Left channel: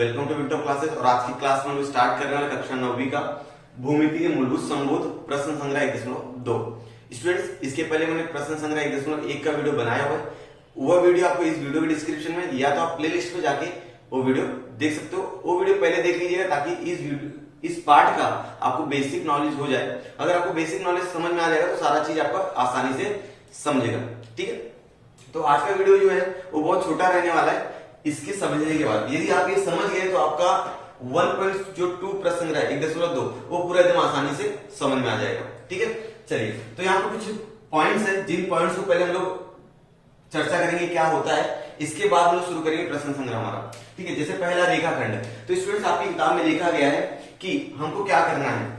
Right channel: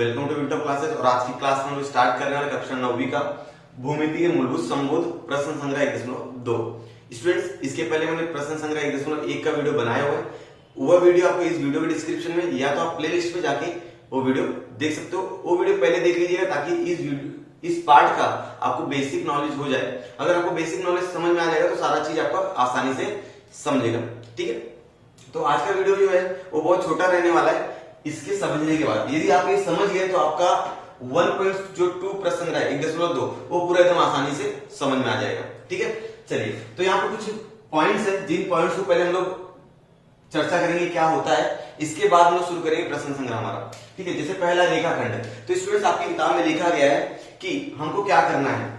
Welcome to winter classes. और आज की क्लास में हम लोग स्टार्ट कर रहे हैं कक्षा 9वीं का भूमिति के मूलभूत संबोध प्रश्न संग्रह 1.2। स्टूडेंट्स, इसके पहले मैंने प्रश्न संग्रह 1.1 का वीडियो बनाया हुआ है। वह वीडियो आपको इस वीडियो के डिस्क्रिप्शन में या तो आप प्ले लिस्ट में जाके वो वीडियो देख सकते हो। वो वीडियो पहले देख लीजिएगा ताकि इस पार्ट का आपको बेसिक नॉलेज हो जाए। अगर आपको बेसिक नॉलेज समझ में आ जाएगा तो सारा चीज आपको आसानी से समझेगा। ठीक है, तो आज का वीडियो जो है वो बहुत छोटा रहने वाला है। इसके समझने के बाद यदि आप ये समझ गए तो आपका 1.2 प्रश्न संग्रह 1.2 वो पूरा एकदम आसानी से समझ में आ जाएगा। ठीक है, चलिए तो यहाँ पर कुछ पॉइंट्स हैं, जिन पॉइंट्स को पहले हम लोग चर्चा करेंगे क्या होता है, इसके बाद हम लोग शुरू करेंगे प्रश्न संग्रह हमारा। ठीक है, जैसे पहला रेखाखंड है। तो स्टूडेंट्स, आपकी किताब में लिखा गया है कि हमको क्या करना है,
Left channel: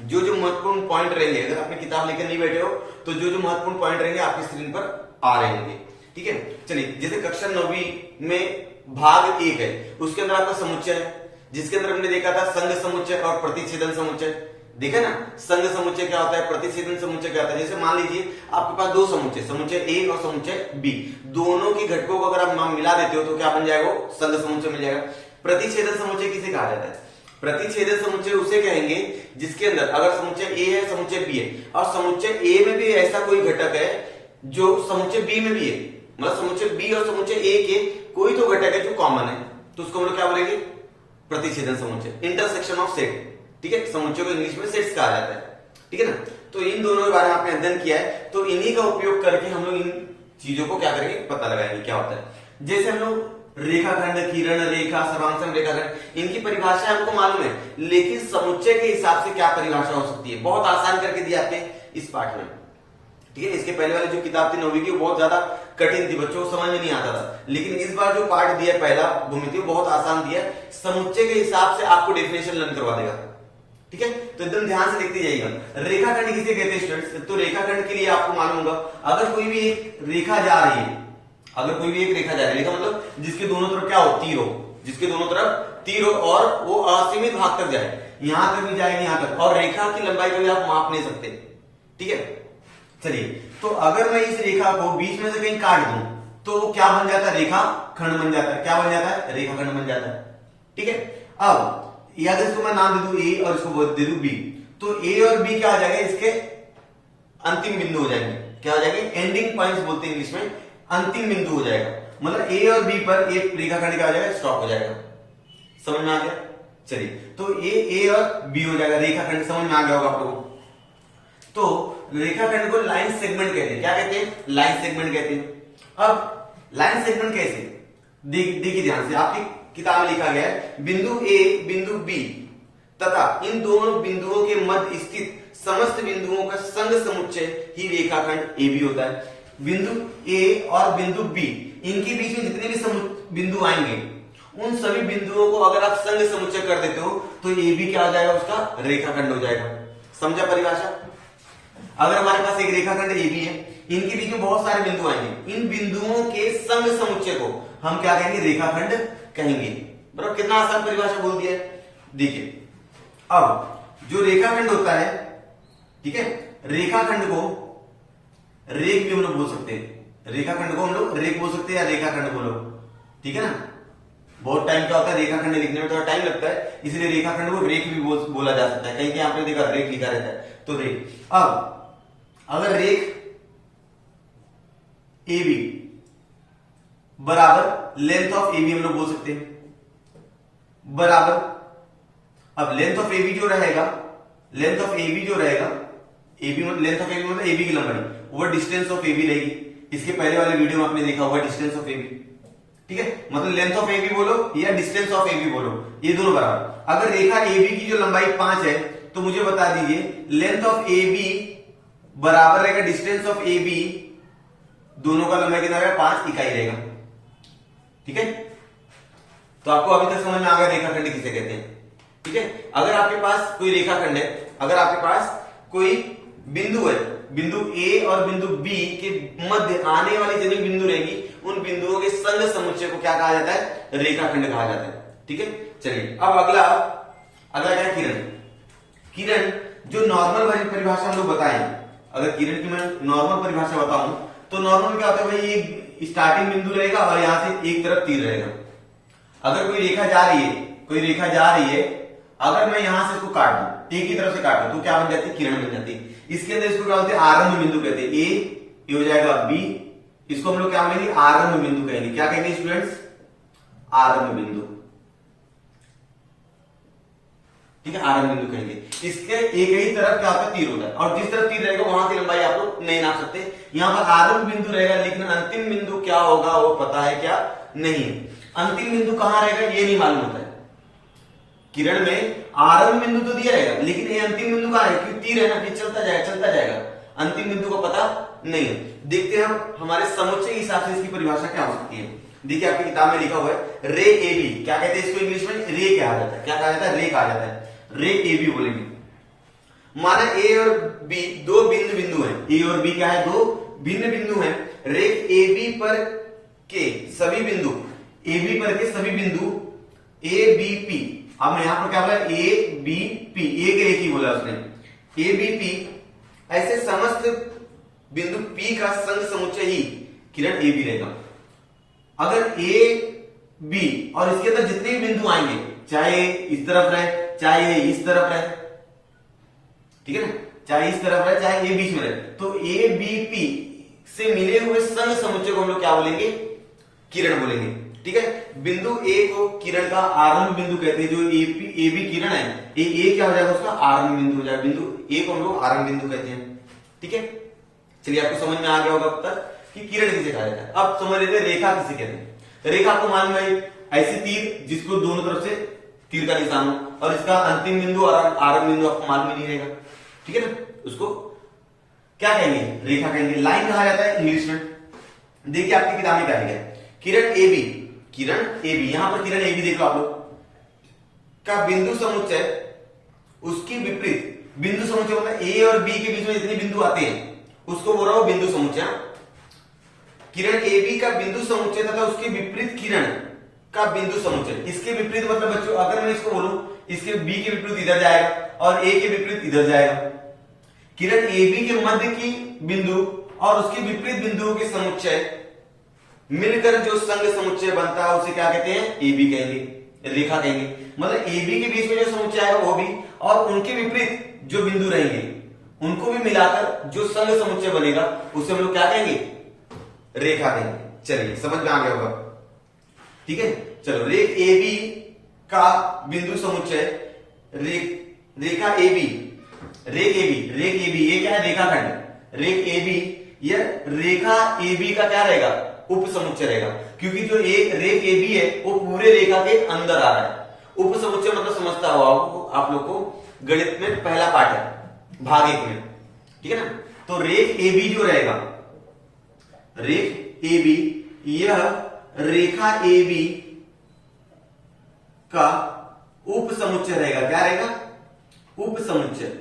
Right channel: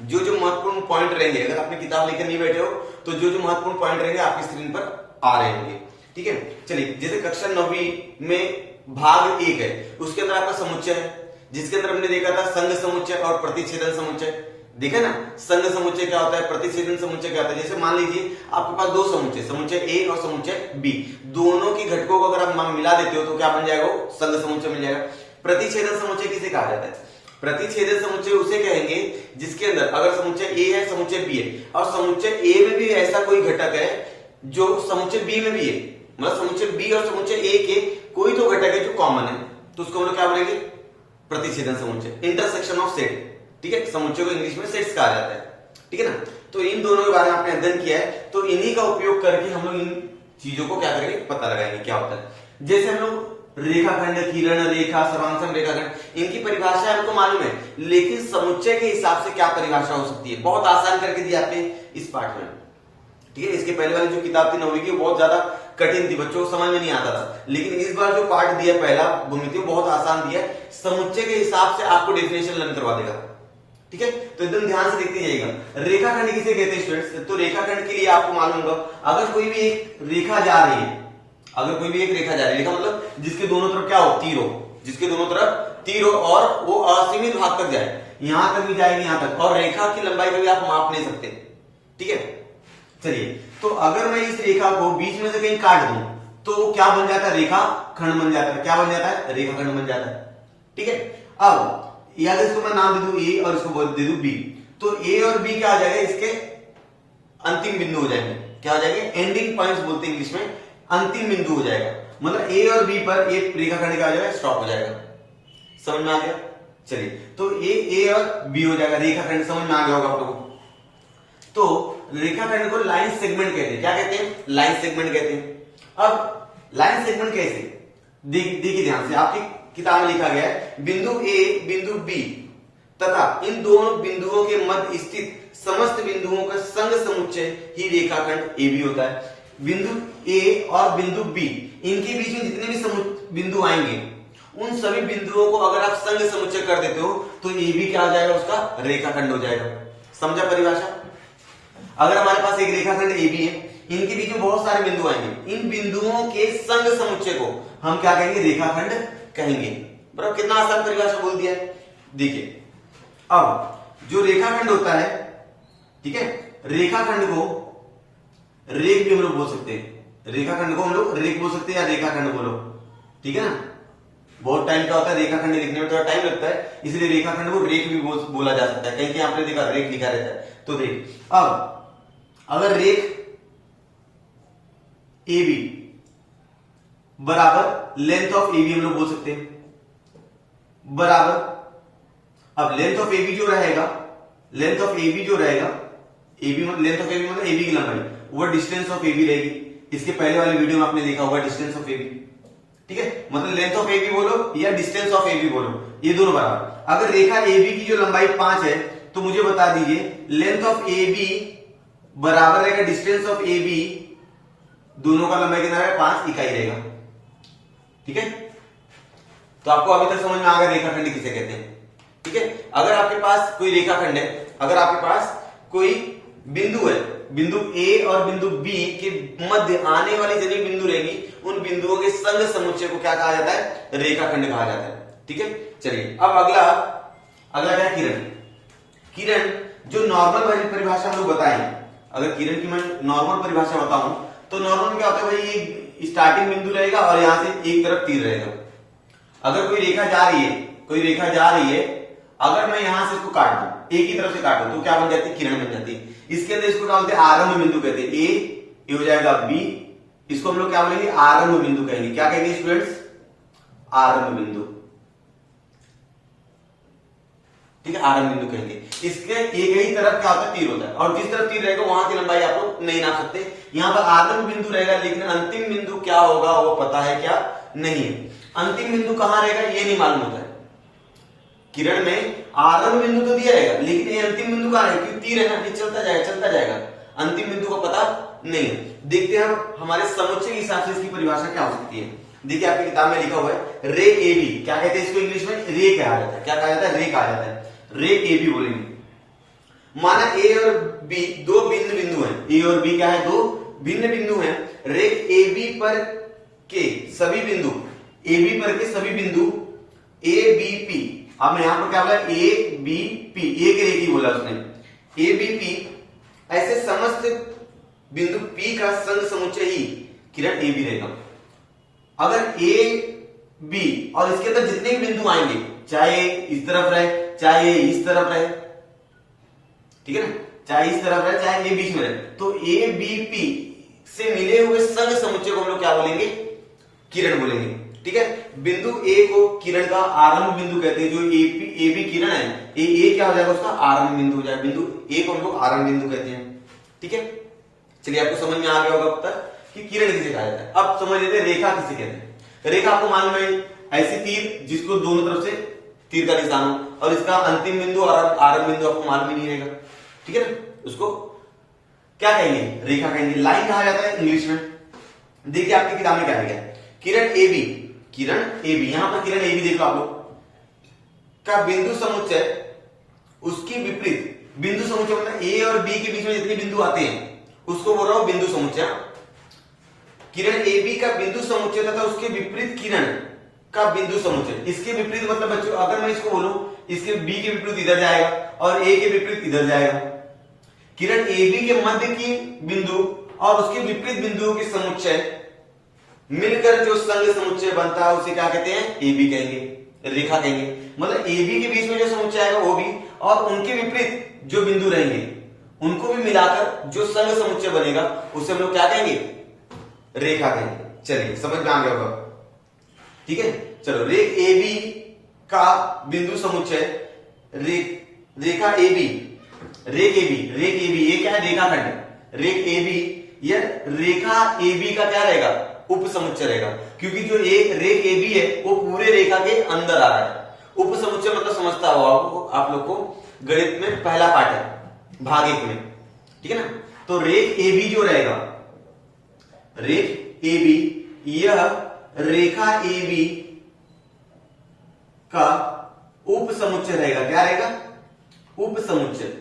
जो जो महत्वपूर्ण पॉइंट रहेंगे, अगर आपने किताब लेकर नहीं बैठे हो तो जो जो महत्वपूर्ण पॉइंट रहेंगे आपकी स्क्रीन पर आ रहे होंगे। ठीक है, चलिए जैसे कक्षा 9वीं में भाग 1 है, उसके अंदर आपका समुच्चय है, जिसके अंदर हमने देखा था संघ समुच्चय और प्रतिच्छेदन समुच्चय। देखा ना, संघ समुच्चय क्या होता है, प्रतिच्छेदन समुच्चय क्या होता है। जैसे मान लीजिए आपके पास दो समुच्चय, समुच्चय ए और समुच्चय बी, दोनों की घटकों को अगर आप मिला देते हो तो क्या बन जाएगा, संघ समुच्चय मिल जाएगा। प्रतिच्छेदन समुच्चय किसे कहा जाता है? प्रतिच्छेदन समुच्चय उसे कहेंगे जिसके अंदर अगर समुच्चय ए है, समुच्चय बी है, और समुच्चय ए में भी ऐसा कोई घटक है जो समुच्चय बी में भी है, मतलब समुच्चय बी और समुच्चय ए के कोई तो घटक है जो कॉमन है, तो उसको हम लोग क्या बोलेंगे, प्रतिच्छेदन समुच्चय, इंटरसेक्शन ऑफ सेट। ठीक है, समुच्चय को इंग्लिश में सेट्स कहा जाता है। ठीक है ना, तो इन दोनों के बारे में आपने अध्ययन किया है, तो इन्हीं का उपयोग करके हम लोग इन चीजों को क्या करेंगे, पता लगाएंगे क्या होता है। जैसे हम लोग रेखाखंड, किरण रेखा, सर्वांगसम रेखाखंड, इनकी परिभाषा हमको मालूम है, लेकिन समुच्चय के हिसाब से क्या परिभाषा हो सकती है, बहुत आसान करके दिया आपके इस पाठ में। ठीक है, इसके पहले वाली जो किताब थी 9वीं की, बहुत ज्यादा कठिन थी, बच्चों को समझ में नहीं आता था, लेकिन इस बार जो पाठ दिया पहला भूमिति बहुत आसान दिया, समुच्चय के हिसाब से आपको डेफिनेशन लर्न करवा देगा। ठीक है, तो एकदम ध्यान से देखते जाइएगा। रेखाखंड किसे कहते हैं स्टूडेंट्स? तो रेखाखंड के लिए आपको मालूम होगा, अगर कोई भी एक रेखा जा रही है, अगर कोई भी एक रेखा जा रही है, रेखा मतलब जिसके दोनों तरफ क्या हो, तीर हो, जिसके दोनों तरफ तीर हो और वो असीमित भाग तक जाए, यहां तक भी जाएगी, यहां तक, और रेखा की लंबाई को भी आप माप नहीं सकते। ठीक है, चलिए तो अगर मैं इस रेखा को बीच में से कहीं काट दूं तो वो क्या बन जाता है, रेखा खंड बन जाता है। क्या बन जाता है, रेखाखंड बन जाता है। ठीक है, अब या इसको मैं नाम दे दूं ए और इसको दे दूं बी, तो ए और बी क्या हो जाएगा, इसके अंतिम बिंदु हो जाएंगे। क्या हो जाएंगे, एंडिंग पॉइंट्स बोलते हैं इंग्लिश में, अंतिम बिंदु हो जाएगा। मतलब ए और बी पर एक रेखाखंड क्या हो जाएगा, स्टॉप हो जाएगा। समझ में आ गया? चलिए तो ए और बी हो जाएगा, रेखाखंड समझ में आ गया होगा आप लोगों को। तो रेखाखंड को लाइन सेगमेंट कहते हैं। क्या कहते हैं, लाइन सेगमेंट कहते हैं। अब लाइन सेगमेंट कैसे, देखिए ध्यान से, आपकी किताब में लिखा गया है बिंदु ए, बिंदु बी तथा इन दोनों बिंदुओं के मध्य स्थित समस्त बिंदुओं का संघ समुच्चय ही रेखाखंड ए बी होता है। बिंदु ए और बिंदु बी, इनके बीच में जितने भी बिंदु आएंगे, उन सभी बिंदुओं को अगर आप संघ समुच्चय कर देते हो तो ए बी क्या हो जाएगा, उसका रेखाखंड हो जाएगा। समझा परिभाषा? अगर हमारे पास एक रेखाखंड ए बी है, इनके बीच में बहुत सारे बिंदु आएंगे, इन बिंदुओं के संघ समुच्चय को हम क्या कहेंगे, रेखाखंड कहेंगे। बराबर, कितना आसान परिभाषा बोल दिया है। देखिए अब जो रेखाखंड होता है, ठीक है, रेखाखंड को रेख भी हम लोग बोल सकते हैं, रेखाखंड को हम लोग रेख बोल सकते हैं या रेखाखंड बोलो। ठीक है ना, बहुत टाइम क्या होता है, रेखाखंड लिखने में थोड़ा टाइम लगता है, इसलिए रेखाखंड को रेख भी बोला जा सकता है। कहीं कहीं आपने देखा रेख लिखा रहता है, तो रेख। अब अगर रेख ए बी बराबर लेंथ ऑफ ए बी हम लोग बोल सकते हैं, बराबर, अब लेंथ ऑफ ए बी जो रहेगा, लेंथ ऑफ ए बी जो रहेगा, A B length of A B मतलब ए बी की लंबाई, वो डिस्टेंस ऑफ ए बी रहेगी। इसके पहले वाले वीडियो में आपने देखा होगा डिस्टेंस ऑफ ए बी। ठीक है, मतलब लेंथ ऑफ ए बी बोलो या डिस्टेंस ऑफ ए बी बोलो, ये दोनों बराबर। अगर रेखा ए बी की जो लंबाई 5 है तो मुझे बता दीजिए लेंथ ऑफ ए बी बराबर रहेगा डिस्टेंस ऑफ ए बी, दोनों का लंबाई कितना रहेगा, 5 इकाई रहेगा। ठीक है, तो आपको अभी तक समझ में आ गया रेखाखंड किसे कहते हैं। ठीक है, अगर आपके पास कोई रेखाखंड है, अगर आपके पास कोई बिंदु है, बिंदु ए और बिंदु बी के मध्य आने वाली जितनी बिंदु रहेगी, उन बिंदुओं के संघ समुच्चय को क्या कहा जाता है, रेखाखंड कहा जाता है। ठीक है, चलिए अब अगला क्या है, किरण। किरण जो नॉर्मल वाली परिभाषा हम लोग बताएं, अगर किरण की मैं नॉर्मल परिभाषा बताऊं तो नॉर्मल क्या होता है भाई, एक स्टार्टिंग बिंदु रहेगा और यहां से एक तरफ तीर रहेगा। अगर कोई रेखा जा रही है, कोई रेखा जा रही है, अगर मैं यहां से इसको काट दूं, एक ही तरफ से काट दूं, तो क्या बन जाती है? किरण बन जाती है। इसके अंदर इसको क्या बोलते हैं? आरंभ बिंदु कहते हैं। ये हो जाएगा बी, इसको हम लोग क्या बोलेंगे? आरंभ बिंदु कहेंगे। क्या कहेंगे स्टूडेंट्स? आरंभ बिंदु। ठीक है, आरंभ बिंदु कहेंगे। इसके एक ही तरफ क्या होता है? तीर होता है, और जिस तरफ तीर रहेगा वहां की लंबाई आप लोग नहीं नाप सकते। यहां पर आरंभ बिंदु रहेगा, लेकिन अंतिम बिंदु क्या होगा वो पता है क्या? नहीं है। अंतिम बिंदु कहां रहेगा ये नहीं मालूम होता है। किरण में आरंभ बिंदु तो दिया रहेगा, लेकिन ये अंतिम बिंदु कहां है? क्योंकि तीर है ना, ये चलता जाएगा। अंतिम बिंदु को पता नहीं है। देखते हैं हमारे समुच्चय के हिसाब से इसकी परिभाषा क्या हो सकती है। देखिए आपकी किताब में लिखा हुआ है रे ए बी। क्या कहते हैं इसको इंग्लिश में? रे कहा जाता है। क्या कहा जाता है? रे कहा जाता है। रे ए बी बोलेंगे। माना ए और बी दो भिन्न बिंदु हैं। ए और बी क्या है? दो भिन्न बिंदु हैं। रेख ए बी पर के सभी बिंदु, ए बी पर के सभी बिंदु ए बी पी। अब यहां पर क्या बोला? ए बी पी, एक रेख ही बोला उसने। ए बी पी ऐसे समस्त बिंदु पी का संग समुच्चय ही किरण ए बी रहेगा। अगर ए बी और इसके अंदर जितने भी बिंदु आएंगे, चाहे इस तरफ रहे, चाहे इस तरफ रहे, ठीक है ना, चाहे इस तरफ रहे, चाहे ए बीच में रहे, तो ए बी पी से मिले हुए संग समुच्चय को हम लोग क्या बोलेंगे? किरण बोलेंगे। ठीक है, बिंदु ए को किरण का आरंभ बिंदु कहते हैं। जो ए बी किरण है, ए क्या हो जाएगा? उसका आरंभ बिंदु हो जाएगा। बिंदु ए को हम लोग आरंभ बिंदु कहते हैं। ठीक है, चलिए आपको समझ में आ गया होगा अब तक कि किरण किसे कहा जाता है। अब समझ लेते हैं रेखा किसे कहते हैं। रेखा आपको मालूम है, ऐसी तीर जिसको दोनों तरफ से तीर का निशान हो, और इसका अंतिम बिंदु और आरंभ बिंदु आपको मालूम ही नहीं रहेगा। ठीक है ना, उसको क्या कहेंगे? रेखा कहेंगे। लाइन कहा जाता है इंग्लिश में। देखिए आपकी किताब में क्या लिखा है? किरण A B, Kiran A B, यहां पर किरण ए बी देख लो आप लोग का बिंदु समुच्चय, उसकी विपरीत बिंदु समुच्चय मतलब ए और बी के बीच में जितने बिंदु आते हैं उसको बोल रहा हूं बिंदु समुच्चय। किरण ए बी का बिंदु समुच्चय तथा उसके विपरीत किरण का बिंदु समुच्चय। इसके विपरीत मतलब बच्चों, अगर मैं इसको बोलूं, इसके बी के विपरीत इधर जाएगा और ए के विपरीत इधर जाएगा। किरण ए बी के मध्य की बिंदु और उसके विपरीत बिंदुओं के समुच्चय मिलकर जो संग समुच्चय बनता है उसे क्या कहते हैं? ए बी कहेंगे, रेखा कहेंगे। मतलब ए बी के बीच में जो समुच्चय आएगा वो भी, और उनके विपरीत जो बिंदु रहेंगे उनको भी मिलाकर जो संग समुच्चय बनेगा उसे हम लोग क्या कहेंगे? रेखा कहेंगे। चलिए समझ में आ गया होगा। ठीक है, चलो रेख ए बी का बिंदु समुच्चय रेखा ए बी, रेख ए बी, ये क्या है? रेखाखंड। रेख ए बी, यह रेखा ए बी का क्या रहेगा? उप समुच्चय रहेगा, क्योंकि जो रेख ए बी है वो पूरे रेखा के अंदर आ रहा है। उप समुच्चय मतलब समझता हो आप लोग को, गणित में पहला पाठ है भाग 1 में। ठीक है ना, तो रेख ए बी जो रहेगा, रेख ए बी, यह रेखा ए बी का उप समुच्चय रहेगा। क्या रहेगा? उप समुच्चय।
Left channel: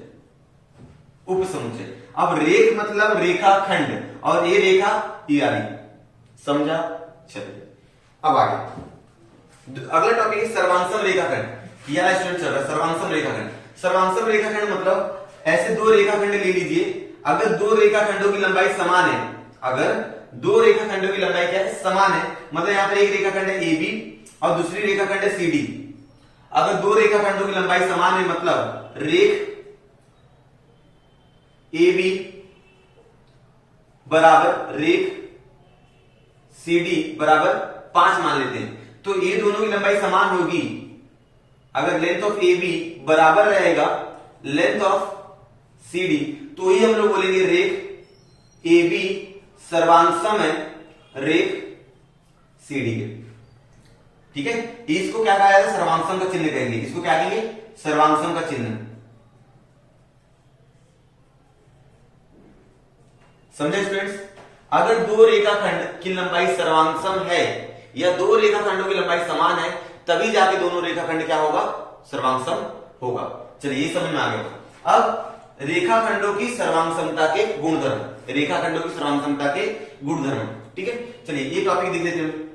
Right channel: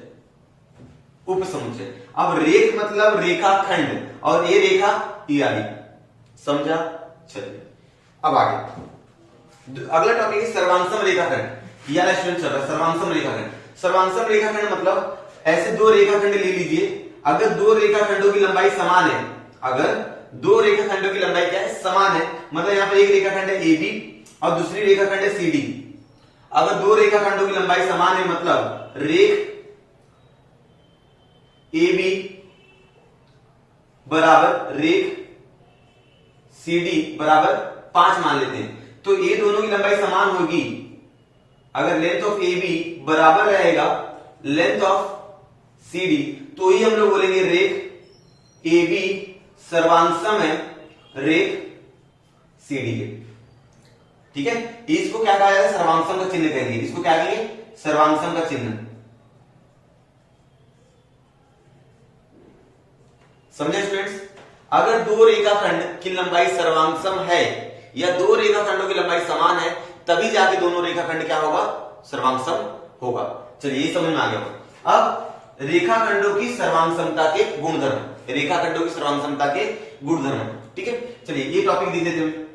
उप समुच्चय। अब रेख मतलब रेखाखंड, और ये रेखा इत्यादि। समझा? चलिए अब आगे अगला टॉपिक है सर्वांशम रेखाखंड। ये वाला स्टूडेंट चल रहा है सर्वांशम रेखाखंड। सर्वांशम रेखाखंड मतलब ऐसे दो रेखाखंड ले लीजिए, अगर दो रेखाखंडों की लंबाई समान है, अगर दो रेखाखंडों की लंबाई क्या है? समान है। मतलब यहां पर एक रेखाखंड है ए बी और दूसरी रेखाखंड है सी डी। अगर दो रेखाखंडों की लंबाई समान है मतलब रेख ए बी बराबर रेख सी डी बराबर 5 मान लेते हैं, तो ये दोनों की लंबाई समान होगी। अगर लेंथ ऑफ ए बी बराबर रहेगा लेंथ ऑफ सी डी, तो ही हम लोग बोलेंगे रेख ए बी सर्वांशम है रेख सी डी के। ठीक है, इसको क्या कहा जाता है? सर्वांशम का चिन्ह कहेंगे। इसको क्या कहेंगे? सर्वांशम का चिन्ह। समझे स्टूडेंट्स? अगर दो रेखाखंड की लंबाई सर्वांशम है या दो रेखाखंडों की लंबाई समान है, तभी जाके दोनों रेखाखंड क्या होगा? सर्वांशम होगा। चलिए ये समझ में आ गया। अब रेखाखंडों की सर्वांशमता के गुणधर्म, रेखाखंडों की सर्वांशमता के गुणधर्म। ठीक है, चलिए ये टॉपिक देख लेते हैं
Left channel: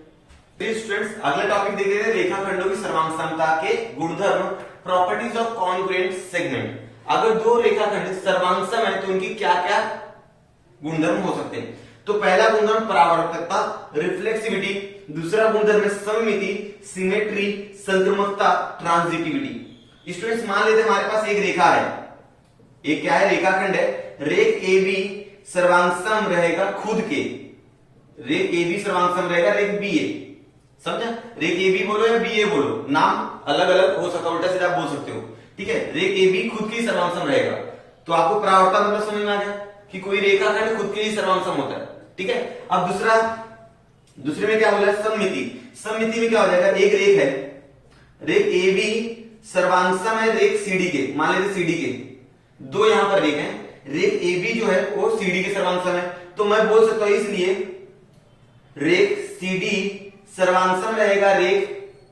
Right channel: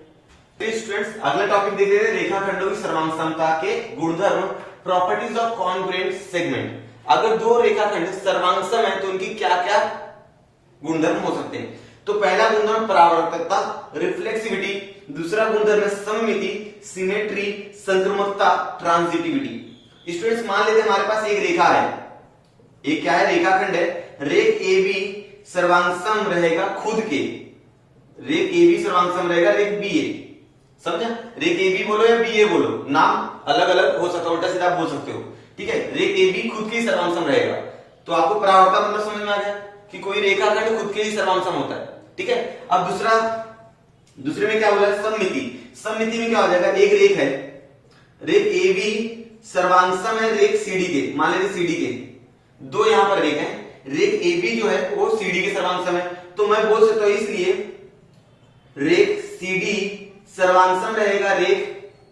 स्टूडेंट्स। अगला टॉपिक देख लेते हैं रेखाखंडों की सर्वांशमता के गुणधर्म, प्रॉपर्टीज ऑफ कॉन्ग्रुएंट सेगमेंट। अगर दो रेखाखंड सर्वांशम है तो उनकी क्या क्या गुणधर्म हो सकते हैं? तो पहला गुणधर्म परावर्तकता, रिफ्लेक्सिविटी। दूसरा गुणधर्म है सममिति, सिमेट्री, संक्रमकता, ट्रांजिटिविटी। स्टूडेंट्स मान लेते हैं हमारे पास एक रेखा है, एक क्या है, रेखाखंड है, रेख ए बी सर्वांगसम रहेगा खुद के, रेख ए बी सर्वांगसम रहेगा रेख बी ए, समझा? रेख ए बी बोलो या बी ए बोलो, नाम अलग अलग हो सकता है, उल्टा सीधा आप बोल सकते हो, ठीक है। रेख ए बी खुद के ही सर्वांगसम रहेगा, तो आपको परावर्तन मतलब समझ में आ गया कि कोई रेखाखंड खुद के ही सर्वांगसम होता है, ठीक है। अब दूसरे में क्या बोला है, सममिति। सममिति में क्या हो जाएगा, एक रेख है, रेख ए बी सर्वांगसम है रेख सीडी के, मान लेते सीडी के, दो यहां पर रेख हैं, रेख ए बी जो है वो सीडी के सर्वांगसम है, तो मैं बोल सकता हूं इसलिए रेख सीडी सर्वांगसम रहेगा रेख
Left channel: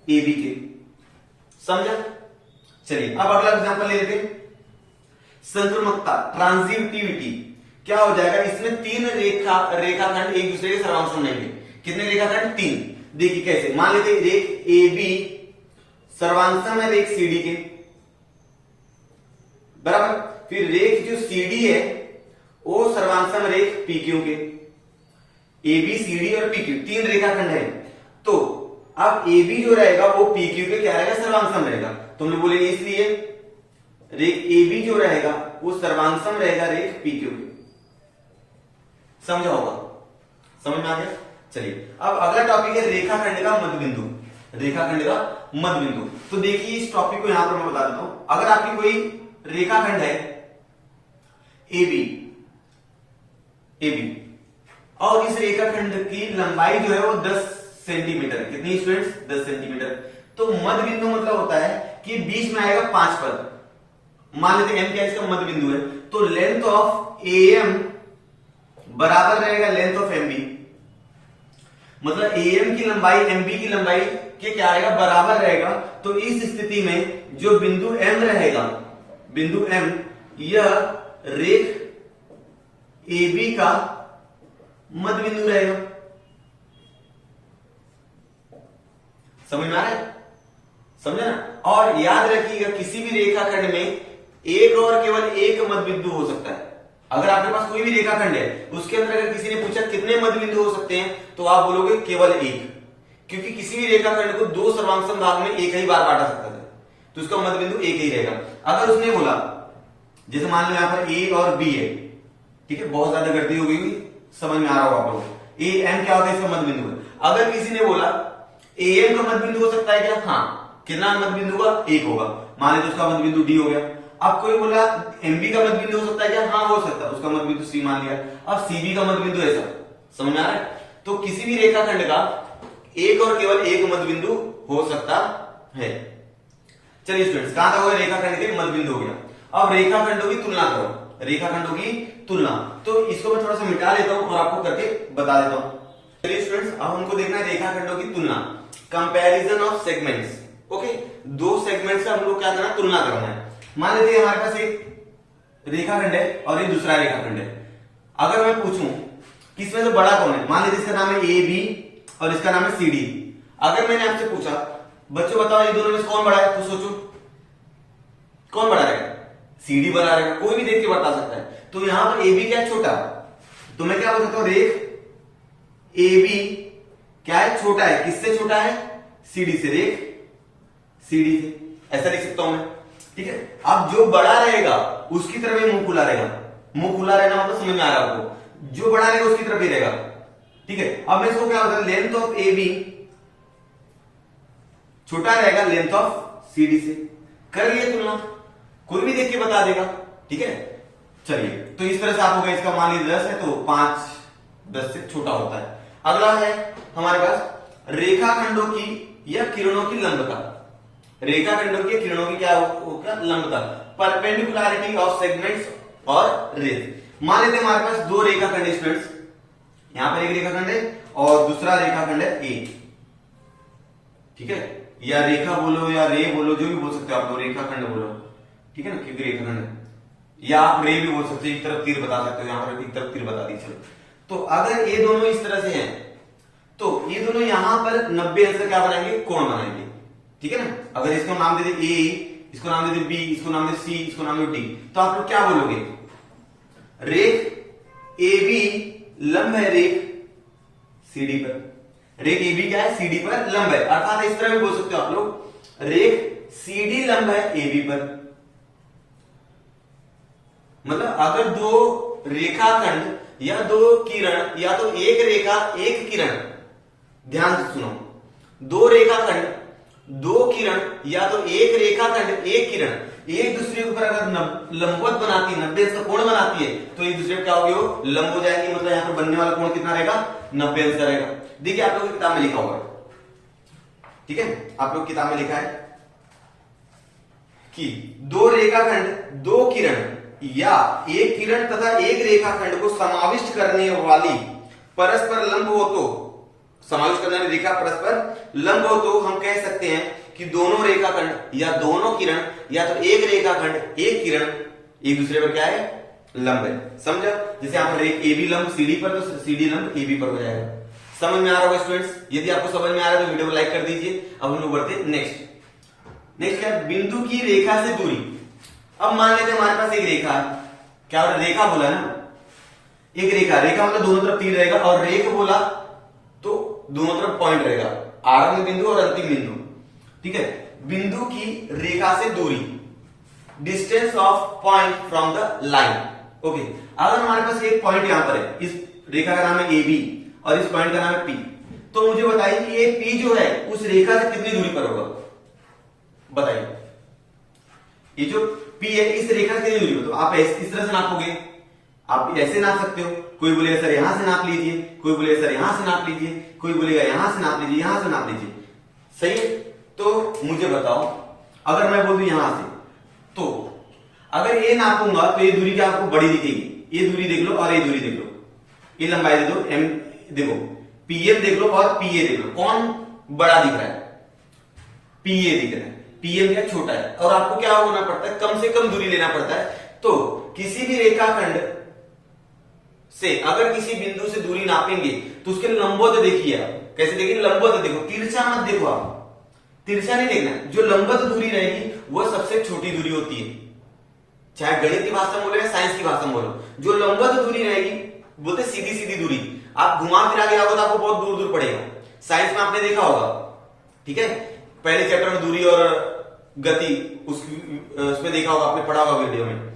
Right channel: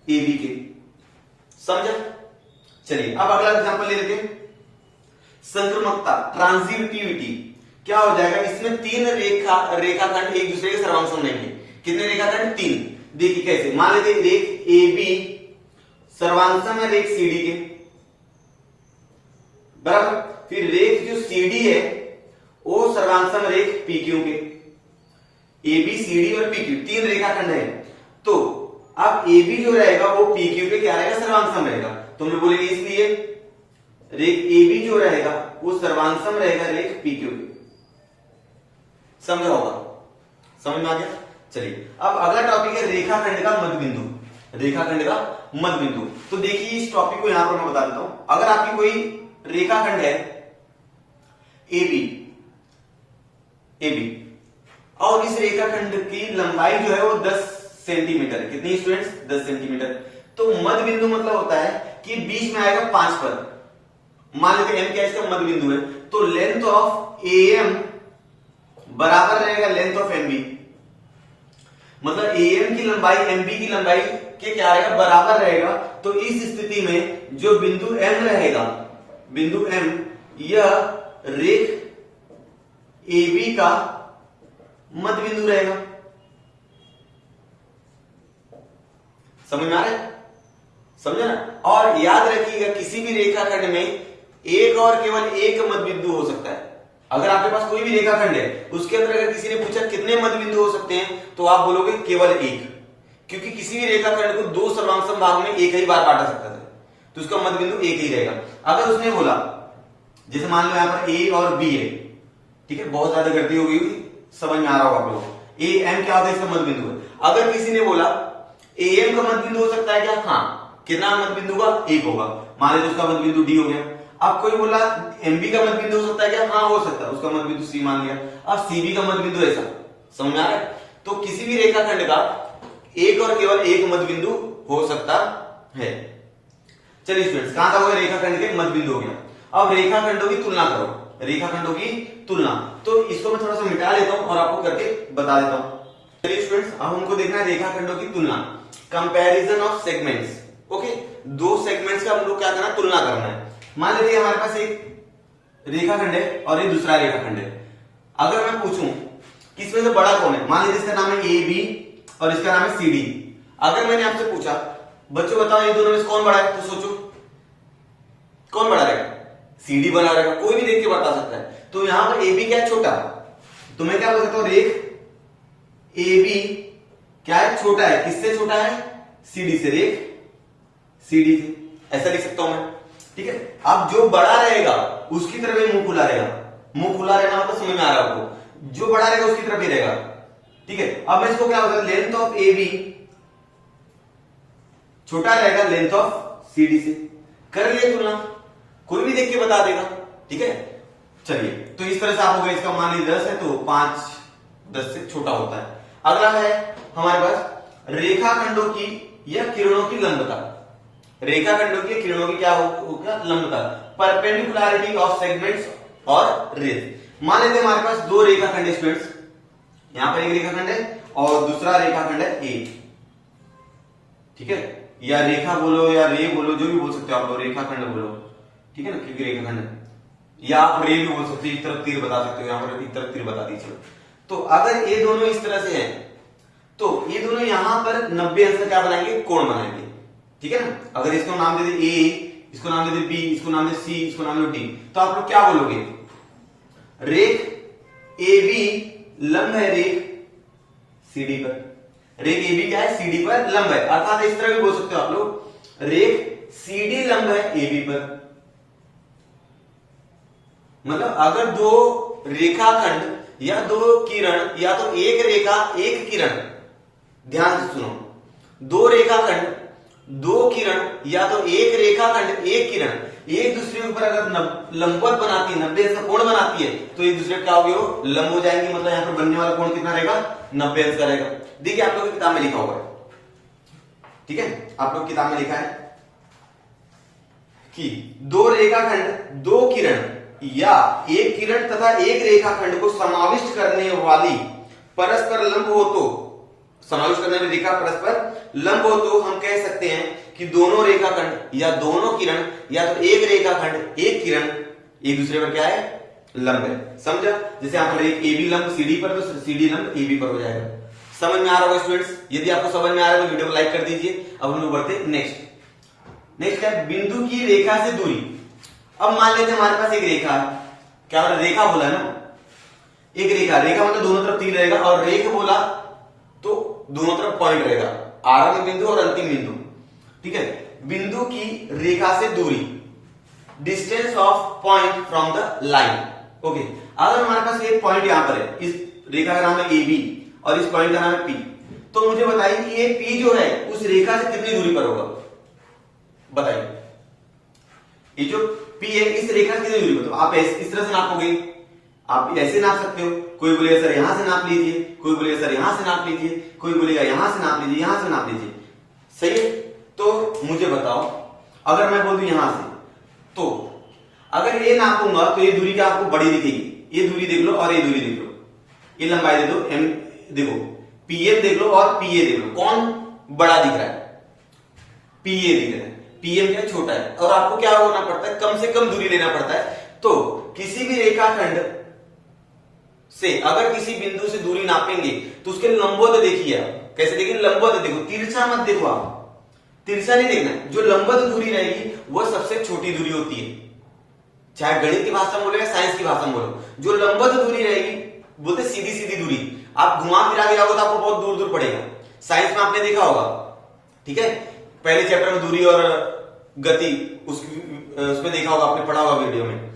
ए बी के, समझा? चलिए अब अगला एग्जांपल ले लेते हैं, संक्रमकता, ट्रांजिटिविटी। क्या हो जाएगा, इसमें तीन रेखाखंड एक दूसरे के सर्वांगसम नहीं है। कितने रेखाखंड, तीन। देखिए कैसे, मान लेते रेख ए बी सर्वांगसम है रेख सीडी के, बराबर। फिर रेख जो सीडी है वो सर्वांगसम रेख पी क्यू के, ए बी सीडी और पी क्यू तीन रेखाखंड है, तो अब ए बी जो रहेगा वो पी क्यू के क्या रहेगा, सर्वांगसम रहेगा, तो हम लोग बोलेंगे इसलिए रेख ए बी जो रहेगा वो सर्वांगसम रहेगा रेख पी क्यू के। समझा होगा, समझ में आ गया? चलिए अब अगला टॉपिक है रेखाखंड का मध्यबिंदु, रेखाखंड का मध्यबिंदु। तो देखिए इस टॉपिक को यहां पर मैं बता देता हूं, अगर आपकी कोई रेखाखंड है ए बी और इस रेखाखंड की लंबाई जो है वो 10 सेंटीमीटर, कितनी स्टूडेंट्स, 10 सेंटीमीटर, तो मध्यबिंदु मतलब होता है कि बीच में आएगा 5 पर, मान लेते एम क्या इसका मध्यबिंदु है, तो लेंथ ऑफ ए एम बराबर रहेगा लेंथ ऑफ एम बी, मतलब ए एम की लंबाई एम बी की लंबाई के क्या आएगा, बराबर रहेगा। तो इस स्थिति में जो बिंदु एम रहेगा, बिंदु एम, यह रेख ए बी का मध्यबिंदु रहेगा। समझ में आ रहा है, समझा ना? और याद रखिएगा किसी भी रेखाखंड में एक और केवल एक मध्यबिंदु हो सकता है। अगर आपके पास कोई भी रेखाखंड है उसके अंदर अगर किसी ने पूछा कितने मध्यबिंदु हो सकते हैं, तो आप बोलोगे केवल एक, क्योंकि किसी भी रेखाखंड को दो सर्वांगसम भाग में एक ही बार बांटा सकता है, तो उसका मध्यबिंदु एक ही रहेगा। अगर उसने बोला, जैसे मान लो यहां पर ए और बी है, ठीक है, बहुत ज्यादा गलती हो गई, समझ में आ रहा होगा आप लोगों को, ए एम क्या होता है, इसका मध्यबिंदु है। अगर किसी ने बोला ए एम का मध्यबिंदु हो सकता है क्या, हाँ, कितना मध्यबिंदु का, एक होगा, मान लो उसका मध्यबिंदु डी हो गया। अब कोई बोला एमबी का मध्यबिंदु हो सकता है क्या, हाँ हो सकता है, उसका मध्यबिंदु सी मान लिया। अब सीबी का मध्यबिंदु ऐसा, समझ में आ रहा है? तो किसी भी रेखाखंड का एक और केवल एक मध्यबिंदु हो सकता है। चलिए स्टूडेंट्स, कहां तक हो गया, रेखाखंड के मध्यबिंदु हो गया। अब रेखाखंडों की तुलना करो, रेखाखंडों की तुलना, तो इसको मैं थोड़ा सा मिटा लेता हूं और आपको करके बता देता हूं। चलिए स्टूडेंट्स, अब हमको देखना है रेखाखंडों की तुलना, कंपैरिजन ऑफ सेगमेंट्स। ओके, दो सेगमेंट्स का हम लोग क्या करना है, तुलना करना है। मान लेते हमारे पास एक रेखाखंड है और ये दूसरा रेखाखंड है। अगर मैं पूछूं किसमें से बड़ा कौन है, मान लीजिए इसका नाम है ए बी और इसका नाम है सी डी। अगर मैंने आपसे पूछा बच्चों बताओ ये दोनों में से कौन बड़ा है, तो सोचो कौन बड़ा रहेगा, सी डी बड़ा रहेगा, कोई भी देख के बता सकता है। तो यहां पर ए बी क्या है, छोटा, तो मैं क्या बोल सकता हूं, रेख ए बी क्या है, छोटा है, किससे छोटा है, सी डी से, रेख सी डी से, ऐसा लिख सकता हूं मैं, ठीक है। अब जो बड़ा रहेगा उसकी तरफ ही मुंह खुला रहेगा, मुंह खुला रहना मतलब समझ में आ रहा है आपको, जो बड़ा रहेगा उसकी तरफ ही रहेगा, ठीक है। अब मैं इसको क्या बताऊं, लेंथ ऑफ ए बी छोटा रहेगा लेंथ ऑफ सी डी से, कर लिया तुलना, कोई भी देख के बता देगा, ठीक है। चलिए, तो इस तरह से आप हो गया, इसका मान लीजिए 10 है तो 5 10 से छोटा होता है। अगला है हमारे पास रेखाखंडों की या किरणों की लंबता, रेखाखंडों की किरणों की क्या हो क्या, लंबता, परपेंडिकुलरिटी ऑफ सेगमेंट्स और रेज। मान लेते हमारे पास दो रेखाखंड है स्टूडेंट्स, यहां पर एक रेखाखंड है और दूसरा रेखाखंड है ए, ठीक है, या रेखा बोलो या रे बोलो, जो भी बोल सकते हो आप लोग, रेखाखंड बोलो, ठीक है ना, क्योंकि रेखाखंड है, या रे भी बोल सकते हो, एक तरफ तीर बता सकते हो, यहां पर एक तरफ तीर बता दीजिए। तो अगर ये दोनों इस तरह से हैं, तो ये दोनों यहां पर 90 अंश क्या बनाएंगे, कोण बनाएंगे, ठीक है ना। अगर इसको नाम दे दे ए, इसको नाम दे दे बी, इसको नाम दे सी, इसको नाम दे डी, तो आप लोग क्या बोलोगे, रेख ए बी लंब है रेख सी डी पर, रेख AB क्या है, CD पर लंब है। अर्थात इस तरह भी बोल सकते हो आप लोग, रेख CD लंब है AB पर। मतलब अगर दो रेखाखंड या दो किरण या तो एक रेखा एक किरण, ध्यान से सुनो, दो रेखाखंड दो किरण या तो एक रेखाखंड एक किरण एक दूसरे के ऊपर अगर लंबवत बनाती है, 90 अंश का कोण बनाती है, तो एक दूसरे क्या होगी, वो लंब हो जाएंगे। मतलब यहाँ पर बनने वाला कोण कितना रहेगा, 90 अंश का रहेगा। देखिए आप लोग की किताब में लिखा हुआ है, ठीक है, आप लोग किताब में लिखा है कि दो रेखाखंड दो किरण या एक किरण तथा एक रेखाखंड को समाविष्ट करने वाली परस्पर लंब हो, तो समाविष्ट करने वाली रेखा परस्पर लंब हो, तो हम कह सकते हैं कि दोनों रेखाखंड या दोनों किरण या तो एक रेखाखंड एक किरण एक दूसरे पर क्या है, लंब है। समझा? जैसे यहाँ पर रेख AB लंब CD पर, तो CD लंब AB पर हो जाएगा। समझ में आ रहा होगा स्टूडेंट्स? यदि आपको समझ में आ रहा है तो वीडियो को लाइक कर दीजिए। अब हम लोग बढ़ते नेक्स्ट क्या है, बिंदु की रेखा से दूरी। अब मान लेते हैं हमारे पास एक रेखा है, क्या बोला, रेखा बोला है ना, एक रेखा मतलब दोनों तरफ तीर रहेगा, और रेख बोला तो दोनों तरफ पॉइंट रहेगा, आरंभ बिंदु और अंतिम बिंदु, ठीक है। बिंदु की रेखा से दूरी, distance of point from the line, okay. अगर हमारे पास एक पॉइंट यहां पर है, इस रेखा का नाम है AB और इस पॉइंट का नाम है P, तो मुझे बताइए कि ये P जो है उस रेखा से कितनी दूरी पर होगा, बताइए। ये जो P है इस रेखा से कितनी दूरी पर, तो आप इस तरह से नापोगे, आप ऐसे नाप सकते हो। कोई बोलेगा सर यहां से नाप लीजिए, कोई बोलेगा सर यहां से नाप लीजिए, कोई बोलेगा यहां से नाप लीजिए, यहां से नाप लीजिए, सही है। तो मुझे बताओ, अगर मैं बोल दूं यहां से, तो अगर ये नापूंगा तो ये दूरी क्या आपको बड़ी दिखेगी, ये दूरी देख लो और ये दूरी देख लो, ये लंबाई दे दो, M देखो, PM देख लो और PA देख लो, कौन बड़ा दिख रहा है, PA दिख रहा है, PM क्या छोटा है। और आपको क्या होना पड़ता है, कम से कम दूरी लेना पड़ता है। तो किसी भी रेखाखंड से अगर किसी बिंदु से दूरी नापेंगे तो उसके लंबवत देखिए आप, कैसे देखिए, लंबवत देखो, तिरछा मत देखो आप, तिरछा नहीं देखना, जो लंबवत दूरी रहेगी वो सबसे छोटी दूरी होती है। चाहे गणित की भाषा में बोलो या साइंस की भाषा में बोलो, जो लंबवत दूरी रहेगी बोलते सीधी सीधी दूरी। आप घुमा फिरा गया होगा तो आपको बहुत दूर दूर पड़ेगा, साइंस में आपने देखा होगा, ठीक है। पहले चैप्टर में दूरी और गति उसमें देखा होगा, आपने पढ़ा होगा वीडियो में,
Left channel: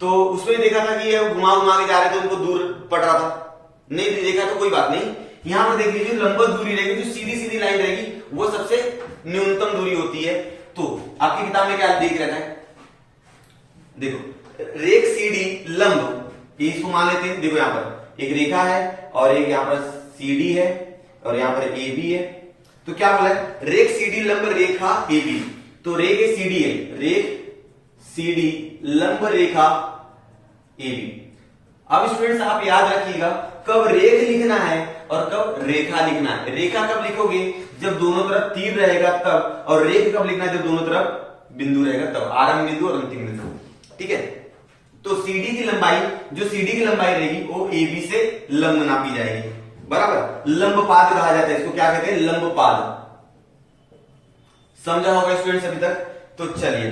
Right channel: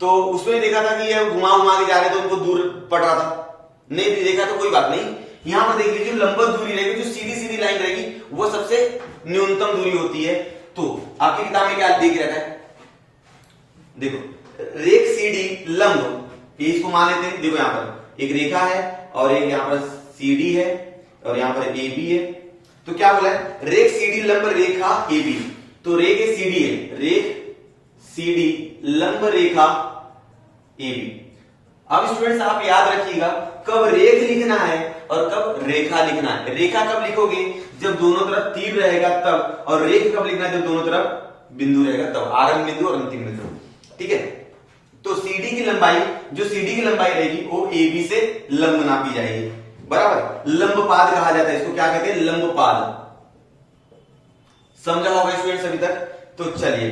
तो उसमें देखा था कि ये घुमा घुमा के जा रहे थे, उनको दूर पड़ रहा था। नहीं भी देखा तो कोई बात नहीं, यहां पर देख लीजिए लंबवत दूरी रहेगी, जो सीधी सीधी लाइन रहेगी वो सबसे न्यूनतम दूरी होती है। तो आपकी किताब में क्या देख रखा है, देखो, रेख CD लंब, इसको मान लेते हैं, देखो यहां पर एक रेखा है और एक यहां पर CD है और यहां पर AB है। तो क्या बोला है, रेख CD लंब रेखा AB, तो रेख CD है, रेख CD लंब रेखा AB। अब स्टूडेंट्स आप याद रखिएगा, कब रेख लिखना है और कब रेखा लिखना है। रेखा कब लिखोगे, जब दोनों तरफ तीर रहेगा तब, और रेख कब लिखना है, जब दोनों तरफ बिंदु रहेगा तब, आरंभ बिंदु और अंतिम बिंदु, ठीक है। तो CD की लंबाई, जो CD की लंबाई रहेगी वो AB से लंब नापी जाएगी, बराबर। लंबपाद कहा जाता है इसको, क्या कहते हैं, लंबपाद। समझा होगा स्टूडेंट्स अभी तक? तो चलिए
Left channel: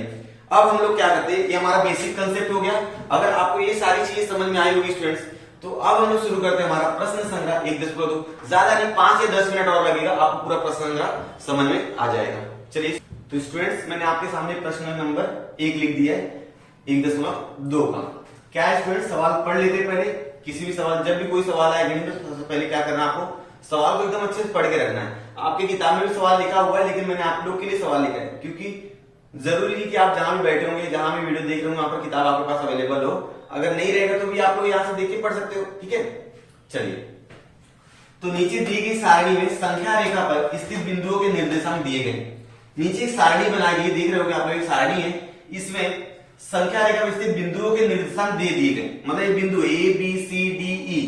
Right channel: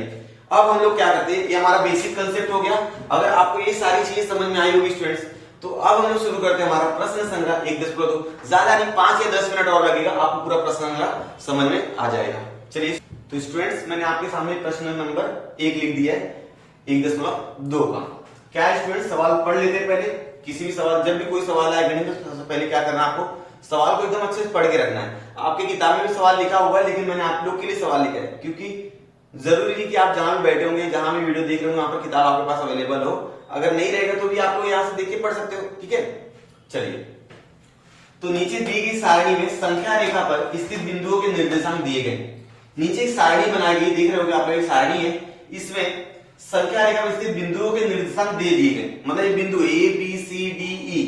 अब हम लोग क्या करते हैं, ये हमारा बेसिक कंसेप्ट हो गया। अगर आपको ये सारी चीजें समझ में आई होगी स्टूडेंट्स, तो अब हम लोग शुरू करते हैं हमारा प्रश्न संग्रह 1.2। ज्यादा नहीं, 5 या 10 मिनट और लगेगा, आपको पूरा प्रश्न संग्रह समझ में आ जाएगा। चलिए तो स्टूडेंट्स, मैंने आपके सामने प्रश्न नंबर 1 लिख दिया है 1.2 का। क्या है स्टूडेंट्स, सवाल पढ़ लेते हैं पहले। किसी भी सवाल, जब भी कोई सवाल आए गणित में, तो सबसे पहले क्या करना है, आपको सवाल को एकदम अच्छे से पढ़ के रखना है। आपकी किताब में भी सवाल लिखा हुआ है, लेकिन मैंने आप लोग के लिए सवाल लिखा है, क्योंकि जरूरी नहीं कि आप जहां भी बैठे होंगे, जहां भी वीडियो देख रहे होंगे, वहां पर किताब आपके पास अवेलेबल हो। अगर नहीं रहेगा तो भी आप लोग यहां से देख के पढ़ सकते हो, ठीक है। चलिए, तो नीचे दी गई सारणी में संख्या रेखा पर स्थित बिंदुओं के निर्देशांक दिए गए। नीचे एक सारणी बनाई गई, देख रहे हो कि आप लोग एक सारणी है, इसमें संख्या रेखा में स्थित बिंदुओं के निर्देशांक दे दिए गए। मतलब ये बिंदु ABCDE,